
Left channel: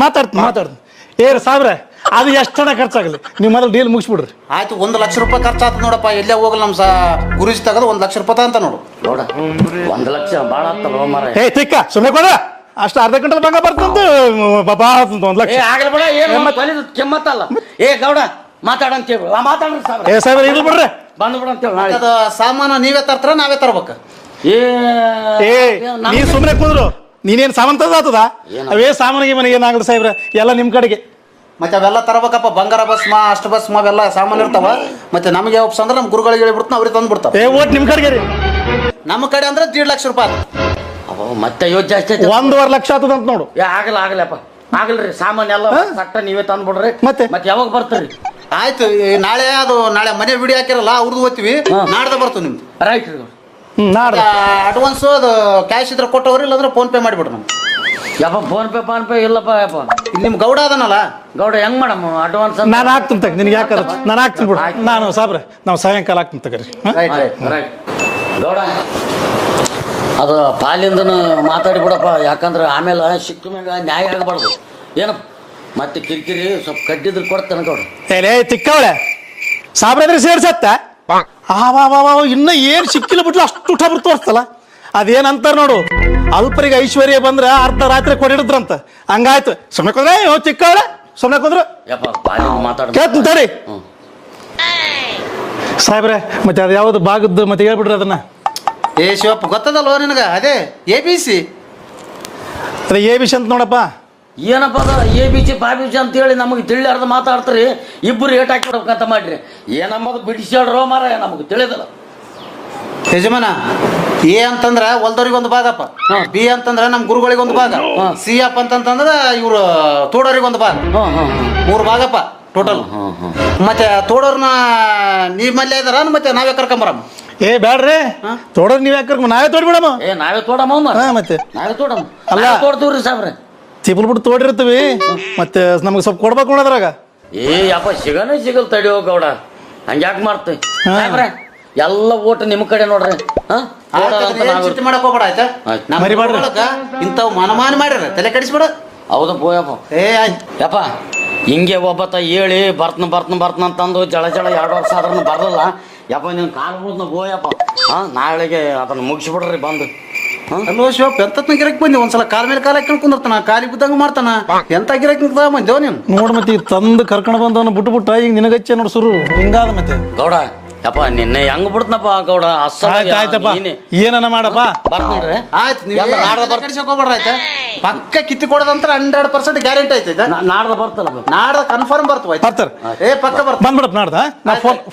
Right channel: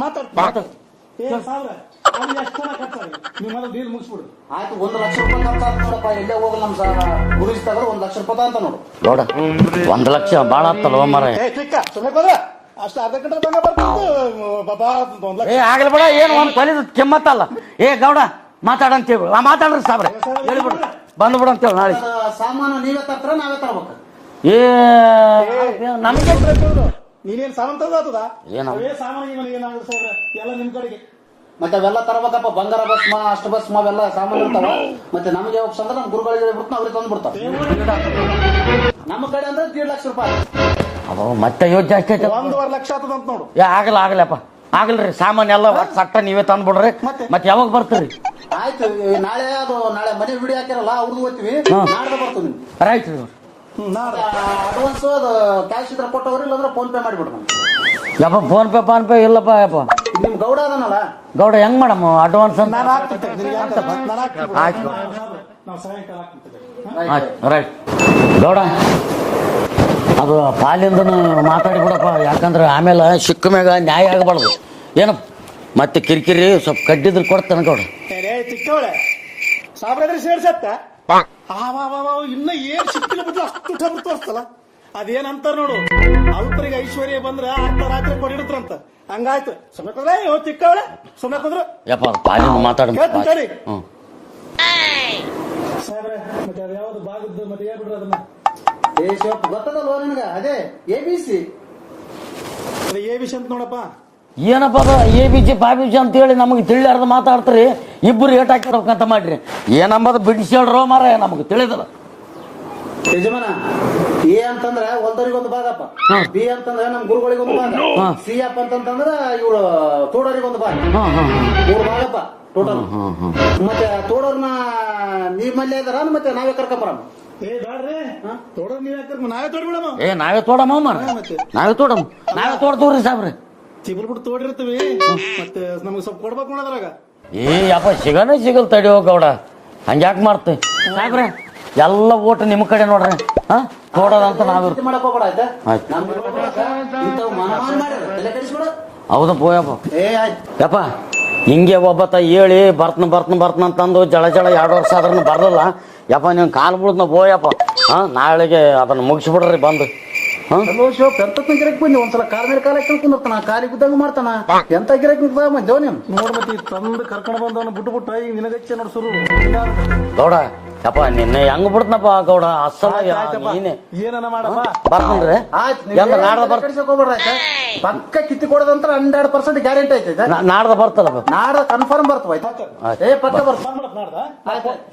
ಮಾತಾಡ್ತ ಏರ್ ಸಾಬ್ರೆ, ಅದು ಎಷ್ಟಡ ಖರ್ಚಾಗಲಿ, ನೀವು ಮೊದಲು ಡೀಲ್ ಮುಗಿಸ್ಬಿಡ್ರಿ. ಆಯ್ತು, 1 ಲಕ್ಷ ರೂಪಾಯಿ ಖರ್ಚಾತ್ ನೋಡಪ್ಪ. ಎಲ್ಲೇ ಹೋಗಲ್ಲ ನಮ್ಮ ಗುರುಜಿ ತಗದು 1 ಲಕ್ಷ ರೂಪಾಯಿ ಅಂತ ನೋಡು. 1 ಲಕ್ಷ ಭಾಳ ಆಗ್ತಲ್ಲ ಮರ. ಏ ತಿಕ್ಕ ಸುಮ್ಮನೆ ಕೊಡ, ಅಷ್ಟು ಅರ್ಧ ಕ್ವಿಂಟಲ್ ಬಂಗ ಬರ್ತಂತ 1 ಲಕ್ಷ ಕೆಮ್ಮತ್ತಲ್ಲ. ಏ ಗೌಡ ಮಾತಾಡಂತೇಳಿ ಮಾತಾಡ್ರಿ ಸಾಬ್ರೆ ಇದು ಬಿಡ್ರಿ, ಬಂದ್ಬಿಡ ಅಂತೇಳಿ. ಅದು ಸಾಮಾನು ನೀವೇ ತರ್ತಾರ ನಾವೇ ತರ್ಬೇಕು? ಏ ನೀ ಸುಮ್ಮನೆ ಕೂದ್ರು ನೀನೇನ್ ಸಾವಂತ ಆತದ ಅವೇ ಸಾಮಾನಿಗೆ ಮನೆಗೆ ಏನಾಗಲ್ಲ ಸಾಹೇಬ್ರ ಎಲ್ಲ ನಿಮ್ ಕಡೆಗೆ ಮತ್ತೆ ಅವೆಲ್ಲ ತರಬೇಕಪ್ಪ, ಬಂಗಾರ ಭಸ್ಮ ಅಷ್ಟ ಭಸ್ಮ ಅವೆಲ್ಲ ಸಾಮಾನು ಇರ್ತಾವ. ಮತ್ತೆ ನಮಗೆ ಒಪ್ಸ ಅಂದ್ರೆ ನಮ್ಮ ಗುರುಗಳಿಗೆ ಹೇಳ್ಬಿಡ್ತಾನ, ಅವ್ರಿಗೆ ತಂದು ಬಿಡ್ತಾವ. ಓಟ್ ನಿಮ್ ಕಡೆಗೆ ರೀ. ನಮ್ಮ ಕಡೆ ಅಂದ್ರೆ 1.5 ಲಕ್ಷ ರೂಪಾಯಿ. ಮತ್ತೆ ಯೋಚನೆ ಜಾಸ್ತಿ ಆಯ್ತು. 1.5 ಲಕ್ಷ ಆತದ ಅಂತ ನೋಡು. ಆಗಲ್ಲಪ್ಪ ಆಗಲ್ರಿ, ಸಾಮಾನ್ ಎಲ್ಲ ಸಟ್ಟ ನೀವೇ ತಂದು ಬಿಡ್ರಿ. ಮತ್ತೆ ಯಾವಾಗ ಬರ್ತೀರಿ? ಆಯ್ತು, ನಾಳೆ ಮನೆ ವಿಡಿಯೋ ಹಾಕಿರಲ್ಲ ಅವ್ರದ್ದು ಓದ್ತೀವಿ, ನಾಡ್ದ ಬರ್ತೀವಿ ನಿಮ್ದು. ರೈಟ್. ನಾಡ್ದ ಅಡ್ವಾನ್ಸ್ ಅದು ಕ್ಯಾಶ್ ಇದ್ರೆ ಕೊಟ್ಟವ್ರಿ, ಇಲ್ಲಾಂದ್ರೆ ಫೋನ್ ಪೇ ಮಾಡಿಬಿಡ್ರಿ. ಯಪ್ಪ ಫೋನ್ ಪೇ ಇಲ್ಲಪ್ಪ. ಯಪ್ಪ ನಿಮ್ ಗೌಡ ಅದನಲ್ಲ, ಗೌಡ ಹೆಂಗ್ ಮಾಡಮ್ಮ ಅಡ್ವಾನ್ಸ್? ನಾನು ಹಾಕ್ತೀನಿ ತಗ, ನಿನ್ಗೆ ಯಾಕಂದ್ರೆ ನಾನು ಹಾಕ್ತೀನಿ ಬಿಡು. ನಾನು ಸಾಬ್ರೆ ನಾವು ಸಾಯಂಕಾಲ ಹಾಕ್ತೀನಿ ತಗರಿ. ಗೌಡ ಅದು ಪಾಲಿಂದ ಮಾತಾಡಿ ಬಿಡಪ್ಪ, ಯಾಕಂದ್ರೆ ಆಮೇಲೆ ಸಿಕ್ಕ ಮ್ಯಾಗ ನ್ಯಾಯ ಆಗಬಾರ್ದು. ಏನಪ್ಪ ಮತ್ತೆ ಕಿರಿಕಿರಿ ಸ್ವಲ್ಪ ಕಡ್ಡಿದ್ರು ಕೊಡ್ತೇನೆ ಗೌಡ. ಏ ತಿಕ್ಕವಳೆ ಸಾಬ್ರೆ ಸೇರ್ಸತ್ತ ಇನ್ನ ಏನ್ ಸಿಕ್ಕಿಲ್ಲ ಬಿಟ್ಲು ಅಷ್ಟು ಊಟ ಬಿಟ್ಟು ತೋರಿಸ್ತಲ್ಲ. ಅದೇನಂತಾರ ನೋಡು, ಅಲ್ಪರಿಗೆ ಐಶ್ವರ್ಯ ಬಂದ್ರ ಅರ್ಧ ರಾತ್ರಿ ಕೊಡಿದ್ರಂತ. ಹಂಗಾಯ್ತು. ಸುಮ್ಮನೆ ಕುಂದ್ರೆ ಚಿಕ್ಕವಳೆ ಸುಮ್ಮನೆ ಕುಂದ್ರು ಕೇಳ್ತಂತಾರಿ ಸಾಹೇಬ್ರೆ. ಮತ್ತೆ ಅದು ಯಾವ್ದು ಭಾಗದ್ದು ಮತ್ತೆ ಹೇಳ್ಬಿಡ್ರಿ ಅದನ್ನ. ಶಿವಪ್ಪ ಗೊತ್ತದಲ್ವ ನಿನಗ? ಅದೇ ABC. ಅದೇ ABC ಅಂತ ನೋಡಪ್ಪ. ಏನಪ್ಪ ABC ಬಾಬಿಜಿ ಅಂತ ಹೇಳಿ ನಮಗೆ ತಿಳಿಯಾರ್ದು ಮಾತಾಡ್ತಾರೆ. ಇಬ್ಬರು ಏಟ್ ಹಾಕಿಡ್ಬೇಕಂತ ಮಾಡ್ರಿ. ಏನಂಬದು ಬಿಡಿಸಿ ಹೇಳ್ರೋ ಮಾರ, ನಮಗೆ ತಿಳಿದಲ್ಲ. ಯಜಮಾನ, A ಅಂತಂದ್ರ ಹೊಲ್ದವ್ರಿಗೆ ಒಂದು ಭಾಗಪ್ಪ, B ಅಂತಂದ್ರ ನಮ್ ಗುರುಗಳಿಗೆ ಒಂದು ಭಾಗ, C ಅಪ್ಪ ಅಂತಂದ್ರ ಇವ್ರು ತೋಡೋರಿಗೆ ಒಂದು ಭಾಗ. 3 ಭಾಗಪ್ಪ ಟೋಟಲ್. ಮತ್ತೆ ತೋಡೋರ್ನ ನಿಮ್ಮಲ್ಲೇ ಇದಾರ, ಮತ್ತೆ ನಾವೇ ಕರ್ಕೊಂಬರಮ್ಮ. ಏ ಬ್ಯಾಡ್ರಿ, ತೋಡೋರ್ ನೀವ್ ಯಾಕೆ ನಾವೇ ತೋಡ್ಬಿಡಮ್ಮ. ನಾವೇ ತೋಡಮ್ಮ ಮತ್ತೆ ನಾವೇ ತೋಡಮ್ಮ. ಅಲ್ಲ ತೋಡ್ತೀವ್ರಿ ಸಾಬ್ರೆ, ಚಿಪ್ಪಲ್ ಬಿಟ್ಟು ತೋಡಿರ್ತೀವಿ. ಮತ್ತೆ ನಮ್ಗೆ ಸ್ವಲ್ಪ ಕೊಡ್ಬೇಕು ನೋಡದ್ರಾಗ. ಯಪ್ಪ ಸಿಗಲ್ ತಡಿಯೋ ಗೌಡ, ಹಂಗ್ಯಾಕೆ ಮಾಡ್ತೀವಿ ಸಾಬ್ರೆ? ಎಲ್ಲ ಓಟು ನಿಮ್ ಕಡೆ ನೋಡ್ರಿ. ಚಿಂತೆ ಮಾಡಕ್ ಹೋಗ್ಬೇಡ ಆಯ್ತಾ? ಇಂಥವ್ ಮನಮಾನ ಮಾಡ್ಯಾರ, ತಲೆ ಕೆಡಿಸ್ಬೇಡ. ಹೌದಪ್ಪ ಯಪ್ಪ ಹಿಂಗೆ ಒಬ್ಬತ್ತ ಹೇಳಿ ಬರ್ತನ ಅಂತಂದು ಜಳ 2 ವರ್ಷ ಆದ್ರೂ ಬರ್ದಲ್ಲ ಯಪ್ಪ. ನೀನ್ ಕಾಲು ಬಿಡ್ತನ ಬೋಯಪ್ಪ. ನಾಳೆಗೆ ಅದನ್ನ ಮುಗಿಸ್ಬಿಡ್ರಿ ಬಂದು. ಅಲ್ಲೋ ಶಿವಪ್ಪ, ಎಂತ ಗಿರಕ್ ಬಂದಿ? ಒಂದ್ಸಲ ಕಾಲ ಮೇಲೆ ಕಾಲ ಕುಂದಿರ್ತಾನ, ಕಾಲಿಗೆ ಬಿದ್ದಂಗ ಮಾಡ್ತಾನ. ಎಂತ ಗಿರಕ್ ಬಂದೇವ್ ನೀನು? ನೋಡ್ ಮತ್ತೆ ತಂದು ಕರ್ಕೊಂಡು ಬಂದವನ್ನ ಬಿಟ್ಟು ಈಗ ನಿನಗಚ್ಚೆ ನೋಡ್ ಸುರು ಹಿಂಗಾದ. ಮತ್ತೆ ಗೌಡ ಯಪ್ಪ ನಿನ್ನೆ ಹೆಂಗ್ ಬಿಡ್ತನಪ್ಪ ಗೌಡ. ಆಯ್ತಪ್ಪ, ಏನನ ಮಾಡಪ್ಪ. ಬರ್ತೀನ್ರಿ. ಆಯ್ತು, ಹೋಗ್ಬೇಡ್ರ ಆಯ್ತಾ? ಪಕ್ಕ ಕಿತ್ತಿ ಕೊಡೋದಂತ 100% ಗ್ಯಾರಂಟಿ ಐತೆ. ನಾಡ್ದ ಬರ್ತಲ್ಲ, ನಾಡ್ದ ಕನ್ಫರ್ಮ್ ಬರ್ತವ. ಪಕ್ಕ ಬರ್ತ ಬಂದ್ಬಿಡಪ್ ನಾಡ್ದ.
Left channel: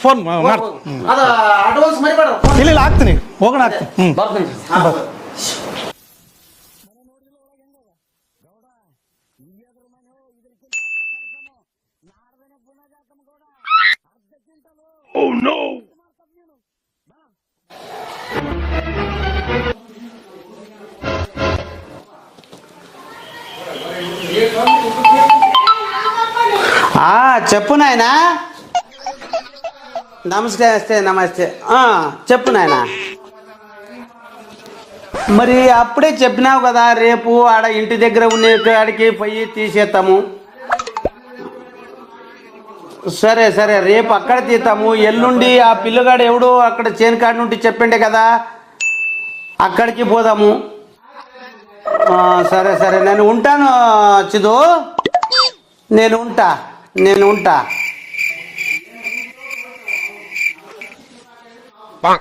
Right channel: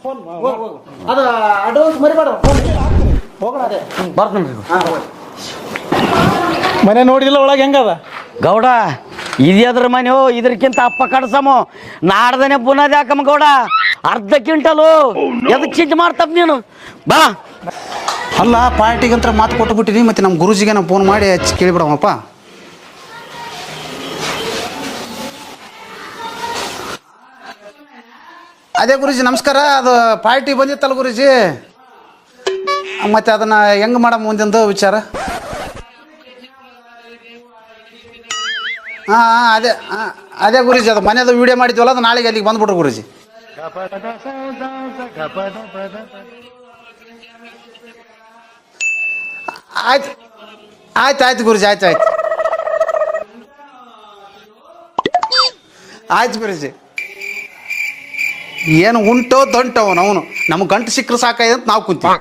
ಫೋನ್ ಅದ ಅಡ್ವಾನ್ಸ್ ಮರಿಬೇಡ. ಇಲ್ಲ ಹಾಕ್ತೀನಿ, ಹೋಗೋಣ. ಬರ್ತೀನಿ. ಮನೆ ನೋಡಿದಿಲ್ಲ ಒಳಗೆ ಹೆಂಗದ ಗೌಡ? ಇದ್ರ ಮನೆ ಇದ್ರಕ್ಕಿಂತ ಅಪ್ಪ ಕಡ್ಸಮು. ನಾಡ್ದನೆ ಬುನಾದಿ ಹಾಕಮ್ಮ ಗೌಡ. ಅರ್ಧ ಕ್ವಿಂಟಲು ಎದಕ್ ಚಿಂತೆ ಮಾಡ್ತಪ್ಪ ನೀನು? ಬಾ. ಅಲ್ಲ, ಪಾರ್ಟಿಗಂತ ಮಾತು ಕೊಟ್ಟು ಬಿಟ್ಟಿನಿ. ಮತ್ತೆ ನಮ್ಮ ಗುರುಜಿಗೆ ನಾವು ಫೋನ್ ಮಾಡಿ ಹಚ್ಚಿ ಕೇಳಿಬಿಡವಪ್ಪ. చెప్పు నాయన. అదే గురుజీ నమస్ಕಾರ. ಅದು ಪಾರ್ಟಿ చెప్పు నాయన. ಮತ್ತೆ ಅದನ್ನ ಹೆಂಗ್ ಮಾಡಮ್ ಮುಂದಿಂದು ವಿಚಾರ? మరి అప్పుడే చెప్పినావు కదా, రేపు ఆడ ఇంటి దగ్గర ఉండే కాడికి చేస్తాము. అదే గురుజీ, అది మనేదో వీడియో ಮಾಡಿದ್ವಲ್ಲ, ಅದು ನಾಳೆಗೆ ಅಲ್ಲಿಗೆ ಬಂದ್ಬಿಟ್ರು గురుజీ. సరే సరే, రేపు అక్కడ తీస్తాము. ఎల్లుండి ఆ పిల్లగాడు ఎవడో అక్కడ చేను కాడి నుండి చెప్పిండే కదా, అక్కడికి పోదాము. ಆಯ್ತು ಆಯ್ತು ಗುರುಜಿ, ಆಯ್ತು ಆಯ್ತು. సరే సరే, నేను ఉంటాను ಚಿದು. నేను ఉంటా. ಏನು ಉಂಟೋ ದೊಂಟವ ಅವನು, ನಮ್ಗೆ ಗಂಟು ಸಿಕ್ಕರು ಸಾಕಾಯ್ತು ಅಂತ ನಾವು ಕುಂತೀವಿ.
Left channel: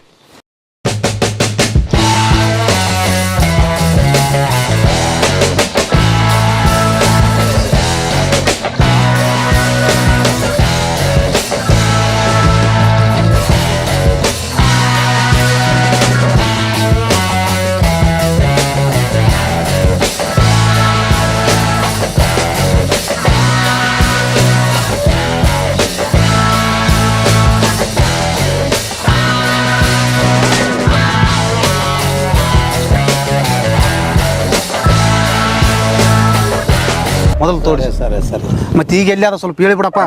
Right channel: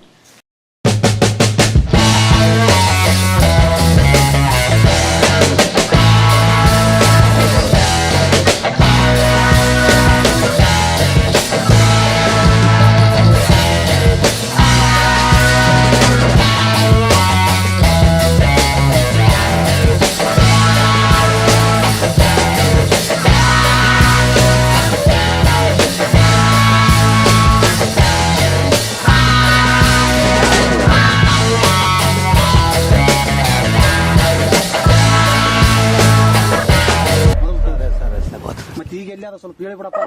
ಮೊದಲು ತೋರಿಸಿ. సరే సరే, ಮತ್ತೆ ಈಗ ಎಲ್ಲಾರು ಸ್ವಲ್ಪ ಹೇಳಿಬಿಡಪ್ಪ.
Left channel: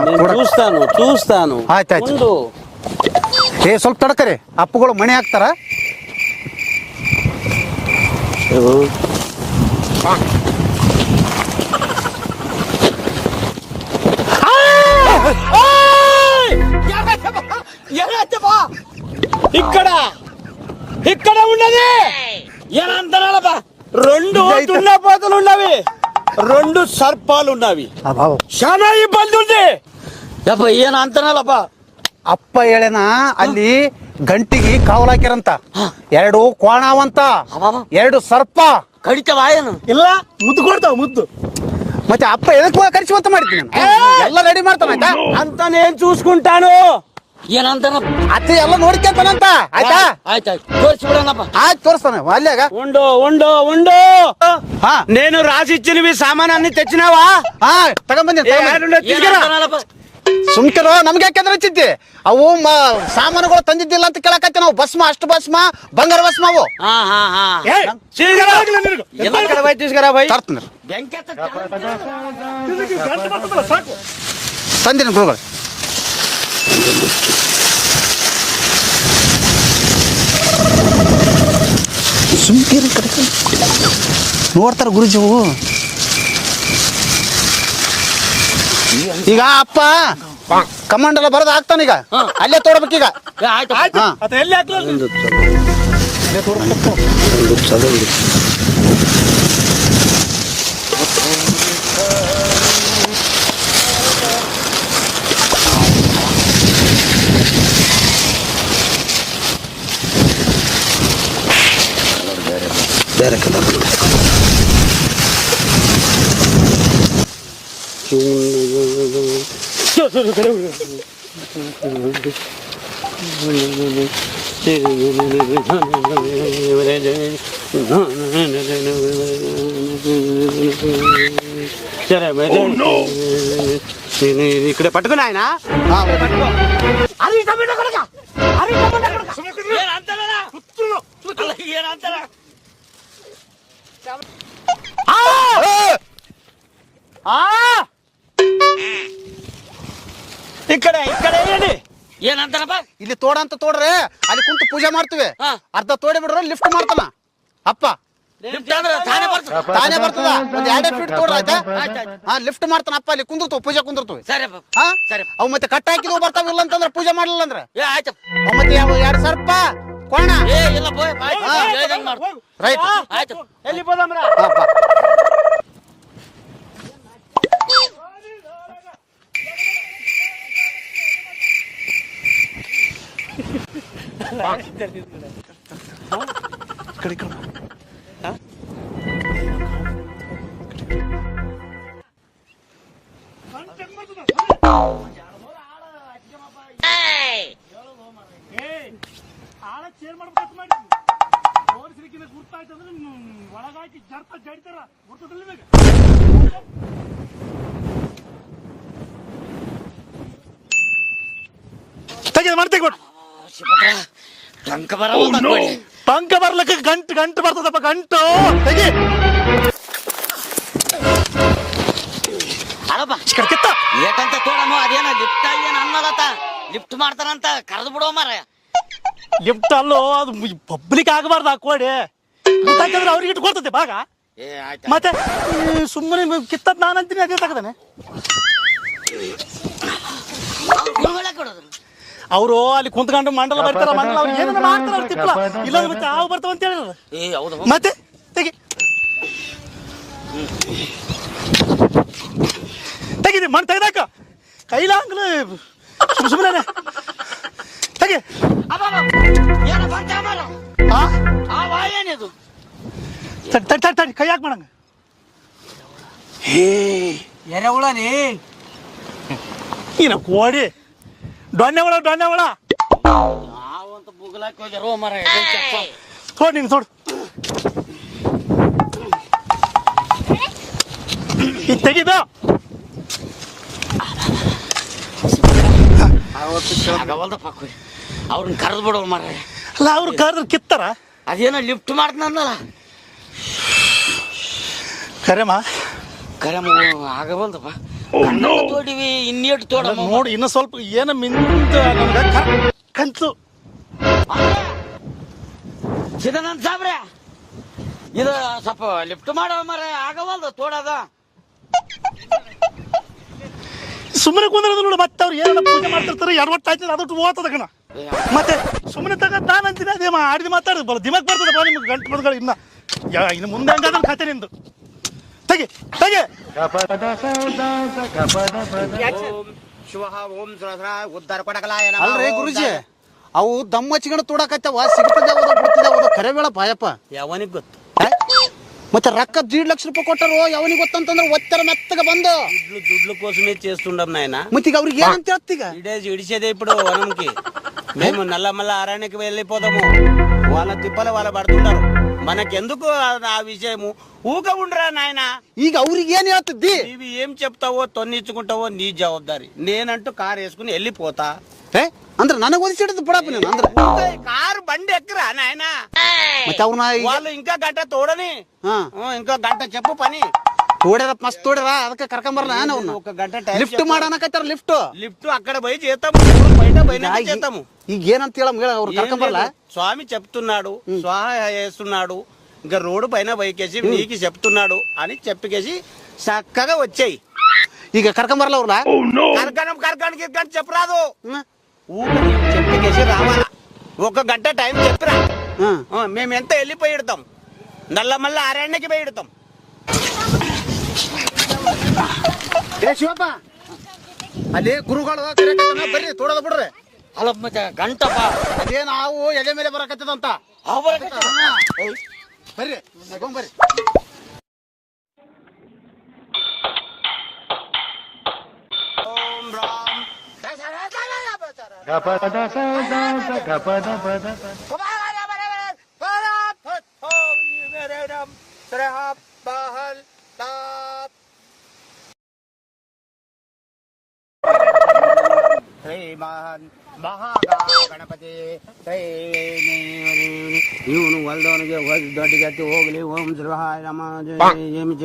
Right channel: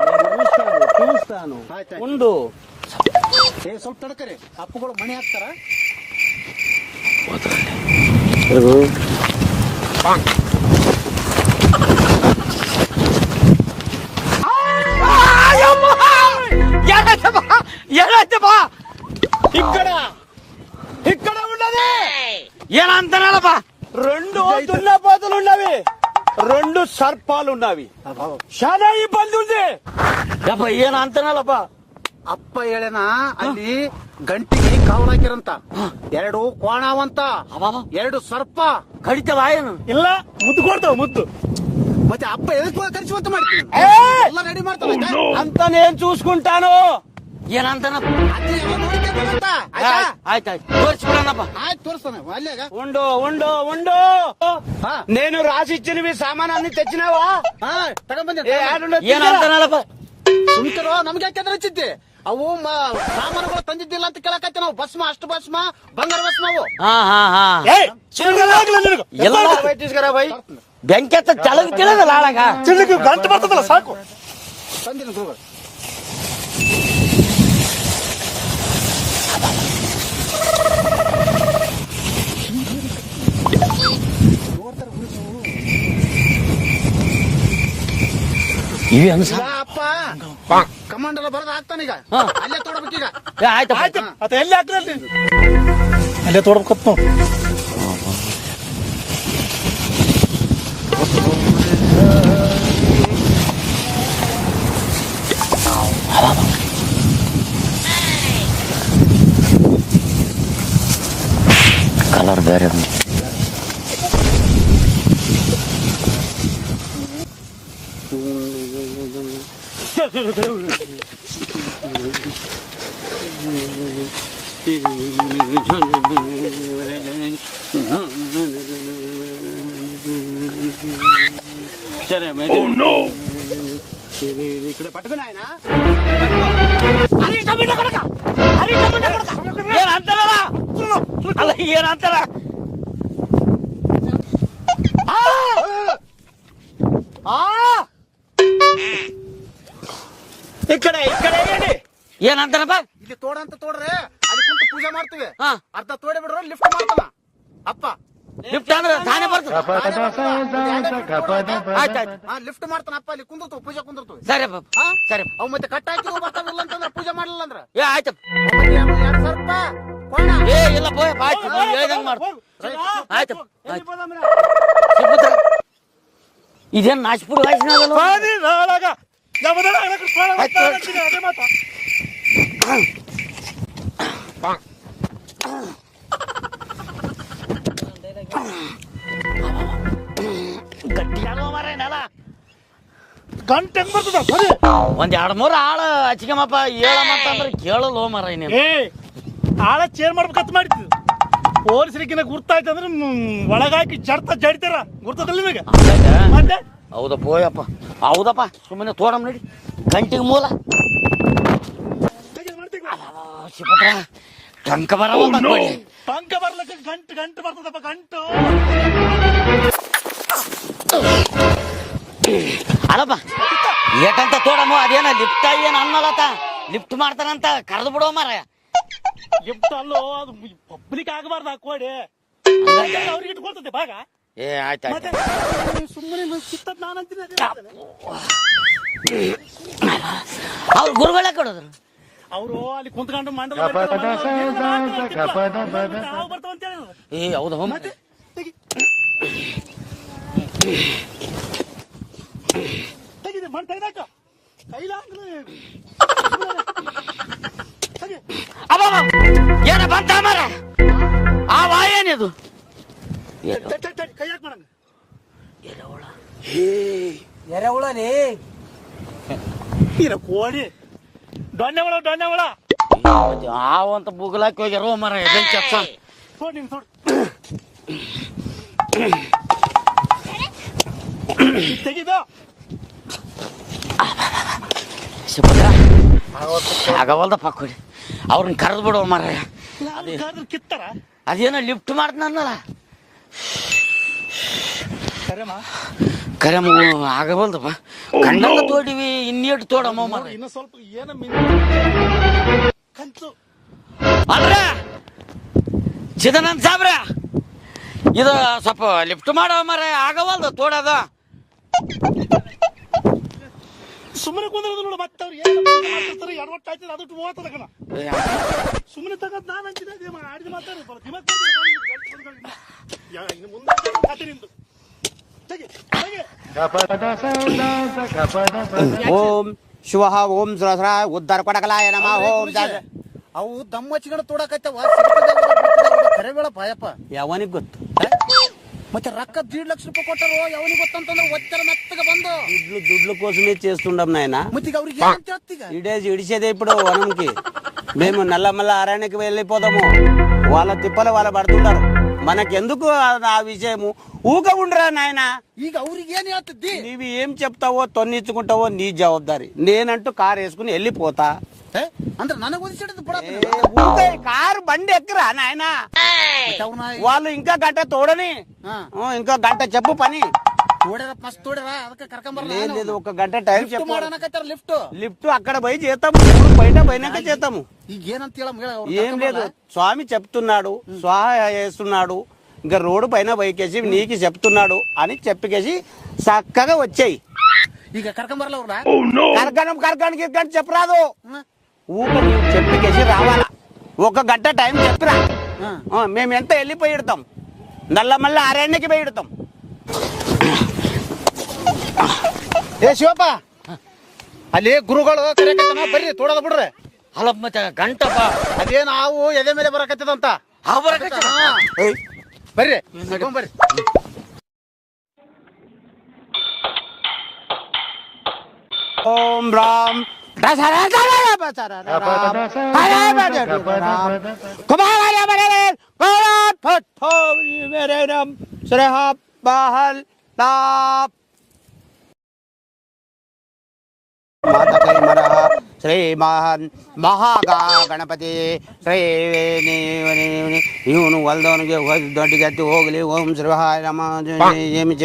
చూస్తాను. ಆಯ್ತಾಯ್ತು. ಸ್ವಲ್ಪ ತಡಕರಿ, ಅಪ್ಪುಗಳು ಮಣಿ ಹಾಕ್ತಾರ. ఇక్కడ ఉన్నది ఏనంతనాలపా, 2 దున్నపోతులు ఉన్నవి, 2 సర్పాలు ఉన్నవి. చాలా ఇబ్బంది ఉంది. ಯಪ್ಪ ಏನ್ ಅಂತನಲ್ಲಪ್ಪ. ಅಪ್ಪ ಹೇಳೇನ ಅಲ್ಲಿ ಗಂಟಿಗೆ ಕಾವಲ್ ಹಾಕ್ಯಾರಂತ, 2 ಕೋಣಾವಂತ, ಅಬ್ಬಬ್ಬ. 2 ಸರ್ಪ. ಕಡಿತವ ಏನು? ಇಲ್ಲ ಮುದ್ದು ಕೊಡ್ತಾವ ಮುದ್ದು. ಮತ್ತೆ ಅಪ್ಪ ಎದಕ್ಕೆ ಕರಿಸುವಂತ ಮಾಡಿದ್ದೀನಿ ಎಲ್ಲ ರೆಡಿ ಮಾಡ್ತಾನ ಆಯ್ತಾ? ಅಂತಾನೇನ್ చూసుకుంటాను ಏನಂತಾನ? ಅತ್ತೆ ಎಲ್ಲ ನೋಡ್ಕೊಂತಾನಂತ ಆಯ್ತಾ? ಆಯ್ತಾಯ್ತು ತೋರಿಸ್ಬಿಡೋಣಪ್ಪ. ಆಯ್ತು ತೋರಿಸ್ತಾನೆ ಅಲ್ಲಾಗ. ఉండు ಹಾ నేను రాసిచ్చినవి సామానాన్ని తెచ్చినావా ಹಾ ತಗೊಂಬಂದಿ ಏನಂತಾನಲ್ಲಪ್ಪ? ಸುಮ್ಕಿರೋ, ನಮ್ಗೆ ಯಾಕೆಂದ್ರೆ ಚಿಂತೆ ಅವು ಸಾಮಾನುಗಳು ತಂದಿದ್ದಿಲ್ಲ ಅಂತ ಕೇಳಕತ್ತೆ ನಾವು. ಭಸ್ಮ, ಅಷ್ಟು ಭಸ್ಮ, ಬಂಗಾರ ಭಸ್ಮ ಅವು తీసుకురా భయ్ ತರ್ತೀನಿ. ಬೆಂಕಿ ಹತ್ತ ಚಲದ ಕೇಳದಲ್ಲ ಆಳಾಗ. ಗಂಟು ಬರ್ತದಲ್ಲ ಸಾಕು. ತಂದಿನಿ ಗುರುಗಳು. ಸುಮ್ಕಿರಿ ಕಡೆ ನೋಡ್ತಾರ ಗುರುಜಿ. ಈಗ ಅಪ್ಪ ಕಮಾಂಡ್ ಎಲ್ಲ ಬರೋದು ಆಗ್ತಾನೀಗ, ಅಲ್ಲೇ ತೋಡ್ಬೇಕೀಗ. ಆಯ್ತಪ್ಪ. ಹಾ. ಅದ ಎಲ್ಲಿ ಹಾಕ್ಲಿ ಅಲ್ಲೇ ತೋಡ್ಬೇಕು. ಕಲರ್ ಬೇರೆ ಬೇರೆ ಕಲರ್ ఇక్కడ పట్టుకుని ఆయన ಏನಂತಾರಲ್ಲ? ಅಲ್ಲ ಏನಂತಾರ? ఇక్కడ ఏంటి ಏನಂತಾರಪ್ಪ? ಇಲ್ಲಿ ತೋಡ ಅಂತ ತೋಡ್ರೆ ಅಲ್ಲಿ ಕುಂತು ಪೂಜೆ ಮಾಡ್ತೀವಿ. ಹಾ. ಅರ್ಧ ತೋಡಿ ಬಿಡ್ರೆ ಲಿಫ್ಟ್ ಮಾಡ್ತಾನ ಅಪ್ಪ. ಲಿಫ್ಟ್ ಅಂದ್ರೆ ತಾನೇ ಬರ್ತದೆ. ತಾನೇ ಬರ್ತದ. ಒಂದ್ 2 ಫೀಟ್ ತೋಡ ಆಯ್ತಾ? ಹಾ ಲಿಫ್ಟ್ ಮಾಡ್ತಾನ ಅಪ್ಪ. ಅಲ್ಲಿ ಕುಂದಿರ್ತಾವ, ಪೂಜೆ ಕುಂದಿರ್ತೀವಿ. ಸರಿಪ್ಪ. ಹಾ ಸರಿ. ಅವು ಮತ್ತೆ ಕಟ್ಟ ಹಾಕಿದ್ವು ಬರ್ತಾವಿಲ್ಲ ಅಂತಂದ್ರೆ ಪೂಜೆ ಮಾಡಲಿಲ್ಲ ಅಂದ್ರೆ ಆಯ್ತಪ್ಪ. ಅವ್ ಮತ್ತೆ 2 ಸರ್ಪ ಕೋಣ. ಇಲ್ಲಪ್ಪ ಹೇಳ್ದಂಗ್ ಮಾಡು. ರೈಟ್ ಆಯ್ತಪ್ಪ. వెళ్ళి పోదాంరా ಇದೇನ್ ನಾಚ್ಪುರ್ ವಾಸನೆ ಬಾದಿ ನಾಳಾಗ ನಮ್ಮದಲ್ಲ ಅದಕ್ಕೆ ಸ್ನಾನ ಮಾಡ್ತೀನಿ, ಅದೇ ಮಾತು. ಗಂಟೆ ಹೆಂಗ್ ಬರ್ತದ ಸರಿ? ಒಂದ್ 2-3 ಆಳ ಹಚ್ಕಮಪ್ಪ. ಕೇಳಲ್ಲ ಮರ ನೀನು. ಏ ಆಳ ಚೇರ್ ಮಾಡ್ಬೇಕಂತ ಮಾಡಿದ್ದು ಪೊಲೀಸರಿಗಿನ ಗುರ್ತಾಯ್ತಂದ್ರೆ ಒಳಗಾಕಿ ಜಡ್ತ ಜಡಿತಾರ. ಗುರ್ತದಲ್ಲ ನಿಮಗೆ? ಮತ್ತೆ ಹೌದಪ್ಪ ಓಯಪ್ಪ. ಹೌದಪ್ಪ. ಸುಮ್ಮನೆ ತೋಡಮ್ ನಡಿ. ಗಂಟಿಗೆ ಮೂಲ ತೆಗೆದು ಮಾಡಿ ತೆಗಿಬಿಡ. ಟಂಕ ಬರ ಟಂಕ ಬರ್ಲಿಕ್ಕೆ ಗಂಟು ಗಂಟು ಬರ್ತದಪ್ಪ. ಗಂಟು ಅಲ್ಲಪ್ಪ ಏಟಂತ ತೋಡಮ್ಮ. ಅದೇನ ಲಿಫ್ಟ್ ಏನ್ ಅನ್ನೋದತ್ತ ಲಿಫ್ಟ್ ಮಾಡ್ತಾರಂತ ಕರೆದು ಬಿಡೋ ಮರ. ಲಿಫ್ಟ್ ಅಲ್ಲೋ, ಅದು ಪಬ್ಲಿಕ್ ಆಗಬಾರ್ದು. ಹಾಕೋಡಿ ಅವ್ರಿಗೆ ಇಟ್ಕೊಳ್ತದೆ ಭಾಗ. ಆಯ್ತು. ಮತ್ತೆ ಸುಮ್ಮನೆ ಕಿತ್ತದ್ ನಾನು ಅಂತೀನಿ, ಅದೇ ತಗದಾನೆ. ಅವ್ರು ಗುರುಗಳೇ ಕೊಡೋದು. ಅವರು ಅಲ್ಲಿ ಕುಂತ್ಕೊಂಡು ಮಂಡಲ ಹಾವು ಬರ್ತಾವ ಅಂತ ಹೇಳಿದ್ರು. ಹೌದು. ಮತ್ತೆ ತೆಗಿ ತೆಗಿದೆ ಮಣ್ಣು ತೆಗ್ದಾಕ ಕೈಲಾಂಗ್ಲ ಸುಮ್ಮನೆ ತೆಗಿ. ಏನ ಬಂತ ಮರ? ಆ ವಾಯೇನಿದು? ತಡಿ ಕೈ ಹಾಕಿ ಮಾಡಂಗ. ఎరవులని ಏನ ಕೋಡಿ ದೊಣ್ಣೆ ಒಳ ಯಾವಂತ ಬುಗ್ಲಾಕಿ ಹೋಗ್ಯಾರೋ ಮರ. ತೋಡ್ ನೀನು ತೋಡು. ತೆಗಿದ ಆಗವಲ್ದಪ್ಪ. ಕೊಡಿ ಅವ್ರನ್ನ ಕರೆದು ಬಿಡೋ ಮರ. ಅಲ್ಲ ಅವ್ರು ಕರೆದ್ರೆ ಕಿತ್ತಾರ. ಅದೇನೋ ಲಿಫ್ಟ್ ಮಾಡ್ತಾನಲ್ಲ. ಕರೆಮ ಕರೆ ಆಗವಲ್ದಪ್ಪ. ತೋಡಿವಿ ಇನ್ನೇಟು ತೋಡಮ್ಮ. ನೋಡಿ ಇನ್ನು ಸ್ವಲ್ಪ ಏನ ಕಂತು. ಚಿದಾನಂದ ಸಾಬ್ರ, ಇದು ಸ್ವಲ್ಪ ಲಿಫ್ಟ್ ಮಾಡೋ ಮರ. ಆಗವಲ್ದು ತೋಡೋದು. ಸುಮ್ಮನೆ ಕುಂದ್ರದ ನೋಡು. ಮತ್ತೆ ಅವ್ರು ಏನ ಪೂಜೆ ಮಾಡ್ತಿರ್ತಾರೆ. ಎಡವಟ್ಟು ಆಯ್ತದ ಅದಟ್ಟು ಓದ್ತದ ಕಣ. ಮತ್ತೆ ಸುಮ್ಮನೆ ತಗದ್ ನಾನು ಅಂತೀನಿ. ಅದೇ ಆಡಿದ ಮಾತಾಡಿದ್ ಬರ ದಿಮಾಕ್ ಬರ್ತದೆ ಬಾ ನಿಮ್ಗೆ. ಗಂಟು ಬದಗಳು ಇನ್ನು ಮುಂದೆ ಹಂಗಾದ್ರೆ ಕತೆ ನಿಂದು. ತೆಗಿ ತೆಗಿ. ಓಂ ಶಿವ ಓಂ ಸಹಸ್ರ ಉದ್ಧಾರ ಕೊಡಕಲಾಯ ನಮಃ. ಗುರುಜಿ ಅವು ದಮ್ಮ ಹಚ್ಕೊಂಡು ತುಡಕತ್ತವ ಸಿಗ್ತದ ಕರೆ ಬೇಡ ಪಾಯಪ್ಪ. ಯಾವನಿಗೆ ಗೊತ್ತು? ಮತ್ತೆ ರೊಕ್ಕ 1,50,000 ಕೊಟ್ಟರು ಯಾವನಿಗೆ ಗೊತ್ತಂತಂದ್ರೆ ಒತ್ತರ ಮೆತ್ತಗ ಬಂದು దుడ్ల కోసమే చేస్తుండం నాయన. ಮತ್ತೆ ಈಗ ಅವ್ರಿಗೆ ಏನಂತ ಹೇಳ್ತೀಗ? ఇడిచేదే ఇప్పుడు వనంకి. మేము నల్లమల్ల అరణ్యకి వెళ్ళిపోతాము. వాళ్ళ తిప్పలు వాళ్ళ పడుతుంటారు. మనకెందుకు ఆ విషయము? ఊక ఉండరా నాయన. ಈಗ ಅವ್ರಿಗೆ ಏನ್ ಹೇಳ್ತಿದ್ದಿ? నీవు ఏం చెప్తావో తొన్నిచ్చుకుంటావో నీ జవాబారి. నేనంటూ కారు వేసుకుని వెళ్ళిపోతా. ಅಂದ್ರೆ ನನಗೆ ಒದಿಸಿಡದು ಬಿಡಪ್ಪ ನೀನು. ಅಂದ್ರೆ కారు బండి ఎక్కరా నాయన. ಮತ್ತೆ ಅವ್ರನ್ನ వాళ్ళు ఇంకా గంట తోడని ఇంకా గంట చెప్పు పని ತೋಡ್ಯಾರ ಮಸ್ತ್ ತೋಡ್ಯಾರ ಅದಕ್ಕೆ ಕರ್ಕೊಂಬರಲ್ಲ ನಾವು. ఒక గంట టైం లిఫ್ಟ್ ಮಾಡನಕತ್ತಾರ లిఫ్ట్ అక్కడ పోయి చేస్తాము. బయట పైన చేస్తాము. ಈಗ ಏನಂತ ಹೇಳ ಅವ್ರು ಕರ್ಕೊಂಬರಲ್ಲ. స్వామి చెప్తున్నాడు, స్వాహ చేస్తున్నాడు, ఇంకా రోడ్డు పైన బైకేసి నీకు చెప్తున్నాడు అని చెప్పకేసి చక్కగా వచ్చాయి. ಈಗ కర్కంబరಲ್ಲ ಅವ್ರಲ್ಲ. కరకానికి చెప్పరాదు. చెప్పకేసి రావాలా. ఒక గంట టైం చెప్పిరా. మేము ఎంత వెళ్ళిపోయి ఇడతాం. నల్లమల్ల అరణ్యకి పోయి ఇడతాం. ಏ ಶಿವಪ್ಪ, ಅಲ್ಲಿ ಗುರುಗಳು ಬರ್ರಿ ತೋಡದ ಬಿಡ್ರಿ. ಅಲ್ಲ ಮತ್ತೆ ಗಂಟಪ್ಪ ಅದೇನು ಹಾವು ಎದೆ ಮೇಲೆ ಬರಕತ್ತದಂತ. ಬರ್ರಿ ಬರ್ರಿ. ఓం రామ్ ಶ್ರೀಮಹನ್ ಮಹಾಗಣಪತಿ ಶ್ರೀ ಇವನು ಹೊಲ್ದವನಿಗೆ ದೊಡ್ಡಗತ್ತಿ ಹೋಗ್ಲಿ. ಓಂ ಶ್ರೀಹಾಯ ನಮ ಏಮಿ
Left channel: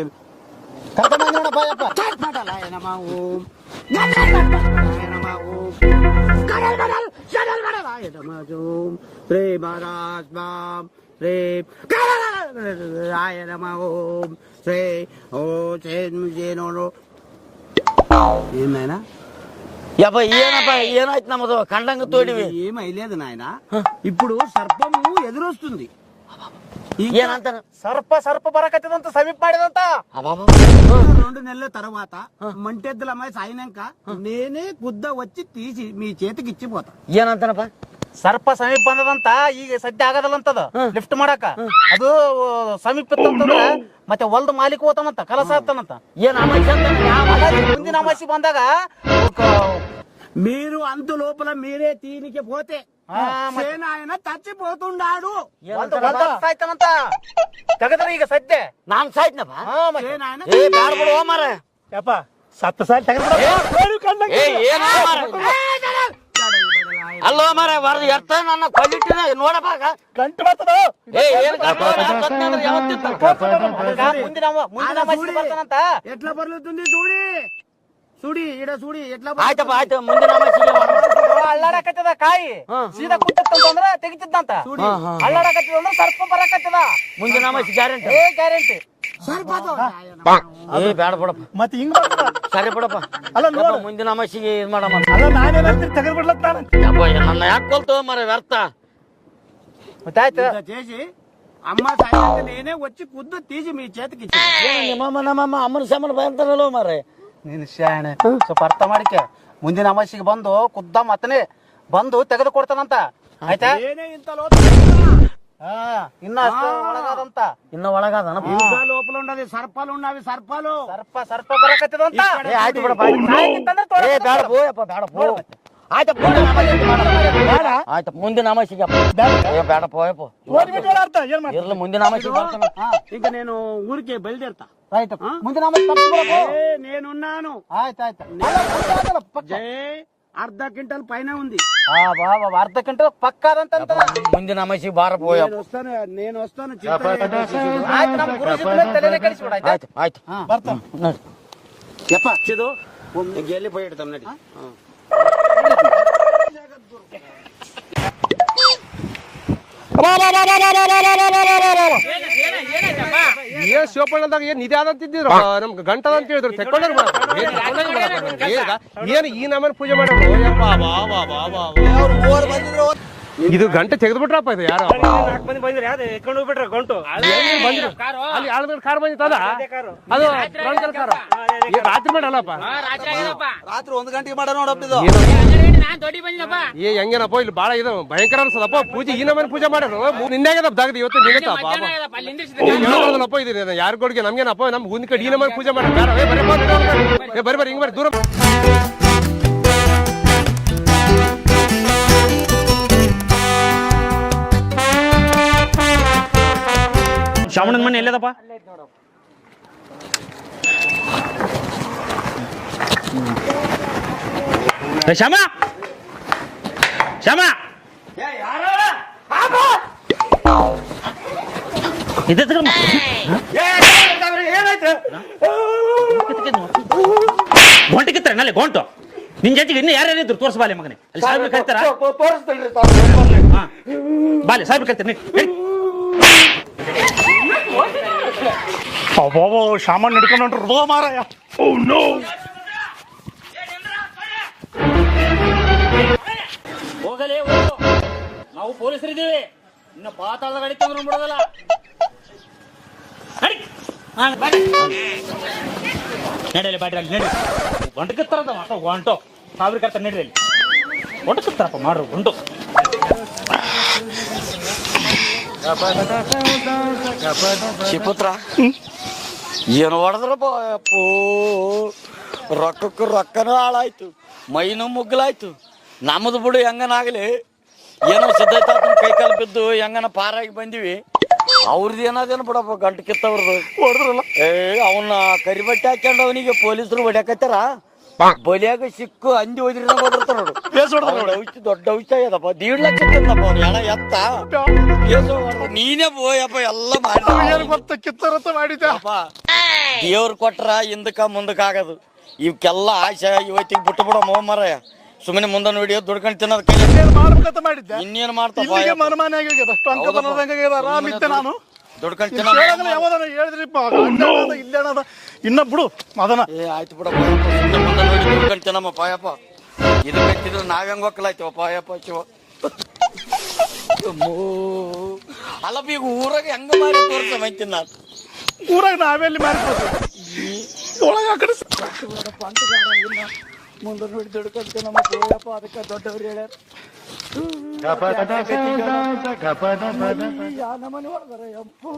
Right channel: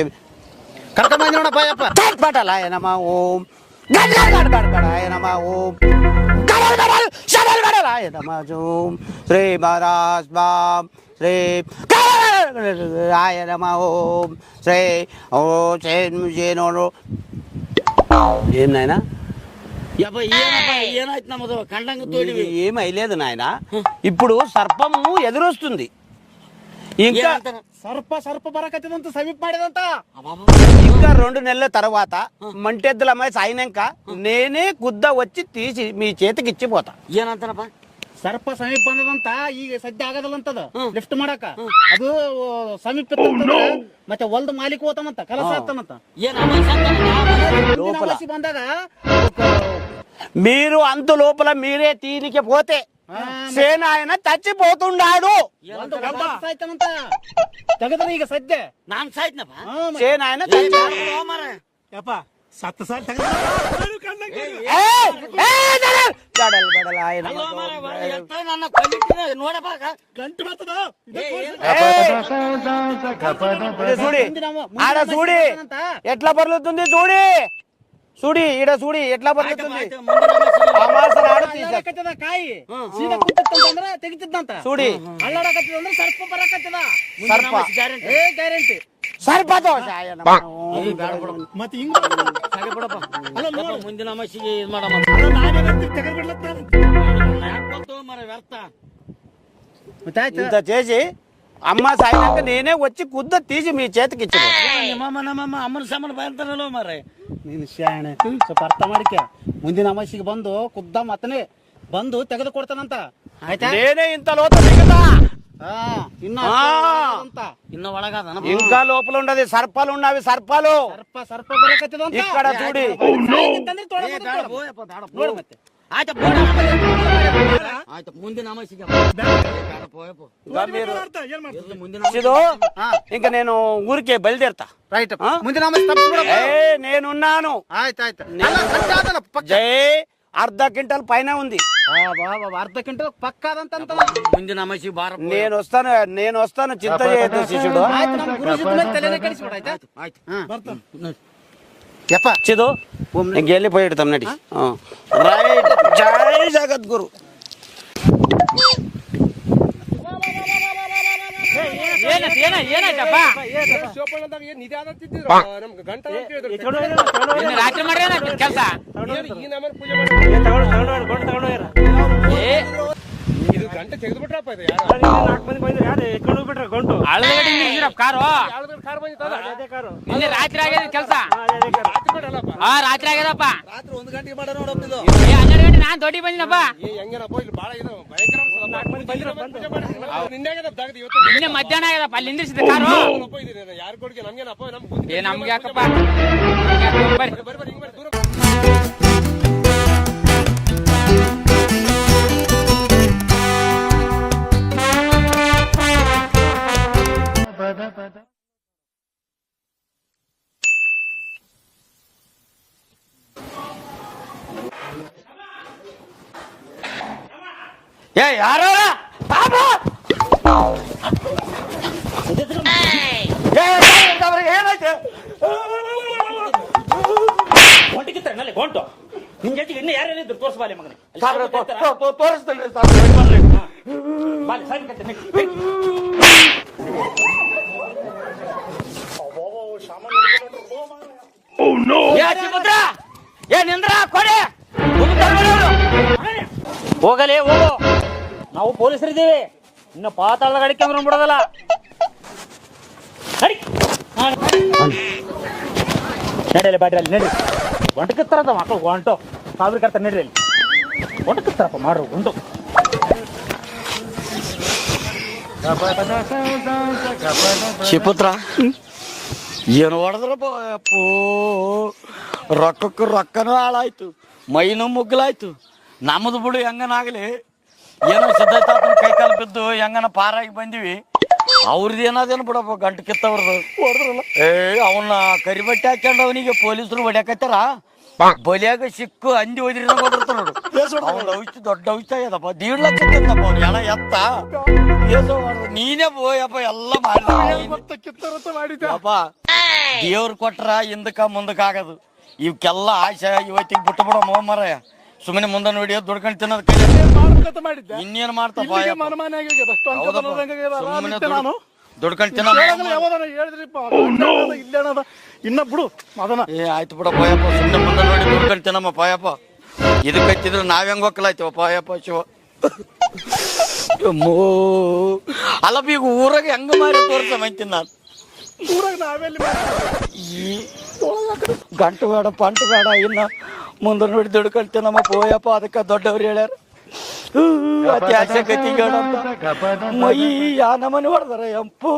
ಕರ್ಕೊಂಬಂದಿ ನೋಡಪ್ಪ. ಪಟಲಾಯ ನಮ ಓಂ ಗಡಗಡಗಡಗಡಾಯ ನಮ ಓಂ ಗಡಗಡಗಡಗಡಾಯ ನಮ ಓಂ ಶ್ರೀ ಮಹಾರಾಜ್ ಮಾಂ ಶ್ರೀ ಗಡಗಡಗಡಗಡಾಯ ನಮ ಓಂ ಶ್ರೀ ಓ ನೋಡು. ఏం నాయనా? ಯಪ್ಪ ಏನಪ್ಪ ಏನಾಯ್ತು ನಮ್ಮದು ಕಂಡಂಗ ತೋಡಿವಿ. ఏం అయ్యలేదు నాయన. ఇప్పుడు సర్పము ఎదురొస్తుంది. ఇంకా ಸರ್ಪ ಬರಕತ್ತದಂತ ಸಮೀಪ ಮಾಡಿದಂತ. ఇంకా 2 నెలల తర్వాత మంటెద్దుల అమ్మాయి సాయినాక నేనే గుద్ద వచ్చి తీసి మీ చేతికి ఇచ్చిపోతా. ಏನಂತಾನಪ್ಪ? ಸರ್ಪ ಸಮೀಪ ಬಂದದಂತ. ಈಗ ಸದ್ಯ ಆಗದಲ್ಲಂತದ ಲಿಫ್ಟ್ ಮಾಡಕ. ಅದು ಸಮೀಪ ಇತ್ತಂತಂದ್ರ ಮತ್ತೆ ಹೊಲ್ದ ಮಾಲೀಕ ಹೋತಾನಂತ, ಕಲಸ ಆಗ್ತಾನಂತ. ಮುಂದಿನ ಅಮಾವಾಸ್ಯೆ ಬಂದಾಗ మీరు అంత లోపల మీరే తీనికి పోతే సేనాయన చచ్చిపోతున్నాడు. ಸಾಯ್ತಾನಂತ ತೆಗದ್ರ ಈಗ ಸದ್ಯ ನಾನ್ ಸಾಯ್ತನಪ್ಪ. సేనాయన ಯಪ್ಪ ಸತ್ತ ಸಾಯ್ ಅಲ್ಲೋ ಮರ ಬರ್ದು ಎತ್ತ ನನ್ನ ಕೊಟ್ಟಿನ ನೋಡಬಾಗ ಗಂಟು ಬರ್ತದ. ఎట్లా పర్లుతుంది చూడి చూడి ఈడ చూడి ఎట్లా ಆಯ್ತು ಮುಂದಿನ ಅಲ್ಲಾಡಕತ್ತದ ಕಾಯಿ ಸೀದಾ ಕುಂತಂದ್ರ ತೆಗಿತಿದ್ದಂತ. చూడి ಅಲ್ಲಾಡಕತ್ತದ ಅಂದ್ರೆ ಸರ್ಪ ಬರಕತ್ತದ. ಮುಂದಿನ ಗ್ಯಾರಂಟಿ ಗ್ಯಾರಂಟಿ. సరిపోదు. ಬೇಡ ಬಿಡಪ್ಪ. ಮತ್ತೆ ಹಿಂಗ ಸರಿ ಬಿಡಪ್ಪ. ಮುಂದಿನ ಅಮಾಸಿಗೆ ಇದು ಮಾಡಮ್ಮ. ತೆಗೆದ್ಬಿಡ್ಲತ್ತಾನ. ನನ್ನ ಯಾಕೆ ಕೊಲ್ತು ಮರ ವ್ಯರ್ಥ. ఇంత చేసి అమ్మ సాయినాక నేనే వచ్చి గుద్ద తీసి మీ చేతికి ఇచ్చి ನಮ್ಮಮ್ಮ ಅಮ್ಮನ ಸಾಮಾನು ಬರ್ತಾರಲ್ಲ ಮಾರ್ರೆ. ನೀನು ಶಾಣೆ ಸ್ವಲ್ಪ ಅರ್ಥ ಮಾಡಿಕ. ಮುಂದಿನ ಅಮಾಸಿಗೆ ಬಂದು ಖುದ್ದ ಮತ್ತನೇ ಬಂದು ತೆಗೆದು ಕೊಡ್ತಾನಂತ. ಆಯ್ತಾ? నేనే ఇంత ಇನ್ನ ಇನ್ನ ಒಳಗಾದ ఇంకా లోపల ఉండదు. సర్పాలు ఉన్నవి సర్పాలు. ಸರ್ಪ ಬರಕತ್ತದಂತ. ఇక్కడ ಆಯ್ತು ನೋಡಿ. ಬಿಡಪ್ಪ. ಸಾಯ್ತಿತ್ತಂದ್ರೆ ತೋರ ಬೇಡ ಬೇಡ. ಬೋಯಪ್ಪ ಬೇಡ ನೋಡು ಮತ್ತೆ. ಆಯ್ತು ಮುಂದಿನ ಅಮಾಸಿಗೆ ಬೇಡ ಪೋಯಪ್ಪ ಅರ್ಥ ಏನ್ ಮಾಡ್ತಿ? ಇರ್ಲಿ ಮುಂದಿನ ಅಮಾಸಿಗೆ ఇంకా నేను ఊరికే బయలుదేరుతా. ರೈಟ್ ఆ? ಮುಂದಿನ ಅಮಾವಾಸ್ಯೆ నేనున్నాను. ಆಯ್ತಾಯ್ತು. జై అర్ధ క్వింటల్ పైన ఉంది. ಅರ್ಧ ಗಂಟೆ ಪಕ್ಕಾದಂತ ಮುಂದಿನ ಅಮಾಸಿಗೆ ಬಾರ ಪೋಯ నేను వస్తాను చింత చేయొద్దు శిష్యుడు. ಆಯ್ತು ಬರ್ತಾನ. ಯಪ್ಪ చిదు నీకు వెళ్ళిపోయి ఇడతాం నడి. జై జగద్గురు. ಏನ್ ಶಿವಪ್ಪಣ್ಣದಾಗ ಏನ್ ಇದೆ ಅದಂತಿದ್ರು ನಮ್ಗೆ ಗಂಟದ ಅಂತ ಹೇಳಿದ್ರು ಏನ್ ಈ ನಮ್ಮನೆ ಪೂಜೆ ಮಾಡಿ ಇದು ಗಂಟೆ ತೆಗೆದ್ಬಿಟ್ರಪ್ಪ ಇದು ಯಾರು ಕಾರ್ ಬಂದಿತ್ತಲ್ಲ ರಾತ್ರಿ ಮಾಡಲ್ಲ ಆಗಲ್ಲಪ್ಪ ರಾತ್ರಿ ಆಗ್ಯದಪ್ಪ. ರಾತ್ರಿ 1 ಗಂಟೆಗೆ ಮಾಡ ನೋಡಪ್ಪ ಇದು. 12 ಗಂಟೆ ನಾನ್ ದೊಡ್ಡಿ ಬಂದಿನಪ್ಪ. ಹೆಂಗೇನಪ್ಪ ಇಲ್ಲಿ ಬಾಳ ಇದು ಭಯಂಕರ ಅನ್ಸದಪ್ಪ ಪೂಜೆ ಈ ನಮ್ಮನೆ ಪೂಜೆ ಮಾಡೋದು ನಿನ್ನೆ ಆಗ್ಯದಪ್ಪ ದಾಗದ ಇವತ್ತು ನಿನ್ನೆ ಮಧ್ಯಾಹ್ನ ಆಗ್ಯದಪ್ಪ. ಅಲ್ಲಿ ನಿಂದ್ರಿಸಿದ ಇದು ಯಾರ ಕೊಡ್ಗೆ ನಮ್ಗೇನಪ್ಪ ನಮ್ ಗುಂದಿ ಕಡೆ ಈ ನಮ್ಮನೆ ಪೂಜೆ ಮಾಡಿ ಬರ್ರಿ ಹಿಂಗ್ ಬರ್ರಿ ದೂರ ಶ್ರಾವಣದ ಮನೆ ಎಲ್ಲದಪ್ಪ? ಶ್ಯಾಮ ಶ್ಯಾಮ ಏ ಯಾರೋ ಗೊಂಟು ಕಿತ್ತಾರೆ ನಲ್ಲಿ ಗೊಂಟು ನಿನ್ ಜೊತೆಗೆ ಇನ್ನು ಯಾರ್ಯಾರಿದ್ರು ತೋರಿಸ್ಬಾಲೆ ಮಗನೇ ಅಲ್ಲಿ ಸಾಹೇಬ್ರು ಕರಿತಾರ ಬಾಲೆ ಸಾಹೇಬ್ರು ಕರಿತಾರೆ ಅಬ್ಬೋ ಸಾಮಾನು ಹಿಡ್ಕೊಂಡು ಹೊಂಟ್ರು ಮಾರಾಯ. ಏ ನಿಂದ್ರ ಕೊಡೆ ಹೋಗಲೇ ಹೋಗು ನಾವು ಪೊಲೀಸರಿದ್ದೀವಿ ಇನ್ನು ಪಾತಾಳದ ಗಡಿಕೆ ಅಂದ್ರೆ ಬಿಡೋದಲ್ಲ ನಡಿಯಲ್ಲಿ ಬಾಡ್ರಿ ಅಲ್ಲಿ ನಡಿ ಗಂಟು ಕಿತ್ತಾರಂತ ಮಕ್ಕಳು ಗಂಟು ಸಾವಿರ ಕರ್ತಾರೆ ನಡ್ರಿ ಅಲ್ಲಿ ಗಂಟು ಕಿತ್ತಾರಪ್ಪ ಮಾಡ್ರು ಗಂಟು ಶಿಪುತ್ರ ಏನು ಹೊಡೆದ್ರಪ್ಪ ಅಪ್ಪು ರೊಕ್ಕನೂ ಹಾಳಾಯ್ತು ಮೈನೂ ಮುಗ್ಗಲಾಯ್ತು ನಮ್ಮದು ಬಿಡು ಹೆಂಗನಾಗಲಿ ಏನೋ ಸಿದ್ಧಾರ್ಥ ಕೈ ಕಾಲು ಬಿದ್ದು ಹೆಂಗನ ಪಾರಾಗಿ ಬಂದಿವಿ ಅವ್ರದ್ದು ಏನಾದೇನು ಬಿಡಪ್ಪ ಗಂಟು ಕಿತ್ತವ್ರದ್ದು ಅವನ್ನ ಕರಿಬಟ್ಟೆ ಹಾಕೊಂಡು ಅವನಿಗೆ ಪೊಲೀಸರು ಹೊಡ್ಯಾಕತ್ತಾರ ಬಲಿಯಾಗ ಸಿಕ್ಕು ಅಂದಿ ಹೋದ್ರಿ ದೊಡ್ಡ ಔಷಧ ಆಗ್ಯದಪ್ಪ 1.5 ಲಕ್ಷ ಜನ ಎತ್ತ ನೀನೇ ಬೋಯಪ್ಪ ಎಲ್ಲ ಮಾಡಿದಪ್ಪ ದೇವ್ರು ಕೊಟ್ರ ಹಿಂದಕ್ಕ ಮುಂದಕ್ಕ ಆಗದು ಇವಕ್ಕೆಲ್ಲ ಆಶೆ ಇವತ್ತಿಗೆ ಬಿಟ್ಟು ಬಿಡ ಮರ ಸುಮ್ಮನೆ ಮುಂದನ್ ವಿಡಿಯೋ ದುಡ್ಕೊಂಡು ತಿನ್ನೋದು ಇನ್ನೇನು ಮಾಡ್ತಾನೆ ಇನ್ನ ಬಿಡು ಅದನ್ನ ಆಯ್ತು ಬಿಡಪ್ಪ ತಿನ್ನಮ್ಮ ಪಾಯಪ್ಪ ಇದಕ್ಕಿದ್ರೆ ನಾವ್ ಹೆಂಗ್ ಹೋಗ್ಲಾಯ್ತೀವ ಪಾಯಪ್ಪ ಶಿವ ಅಲ್ಲಪ್ಪ ಈಗ ಊರಾಗ ಹೆಂಗ ಮಾಡಿ ತೋರ್ಸಂತೀನಿ ನಾನು ಊರಾಗ ನಾವೆಲ್ಲಿ ಪಂಟು ಬೇಡ ಇನ್ನ ಮುಂದೆ ನೋಡಿ ದುಡ್ಕೊಂತ ನಮ್ಮ ಪೋಯಪ್ಪ ಅದಕ್ಕೆ ದೊಡ್ಡವ್ರು ಹೇಳ್ಯಾರ ಯಾ ನಮ್ಮನೆ ಹೊಡೆದಾರ ಎಂಪು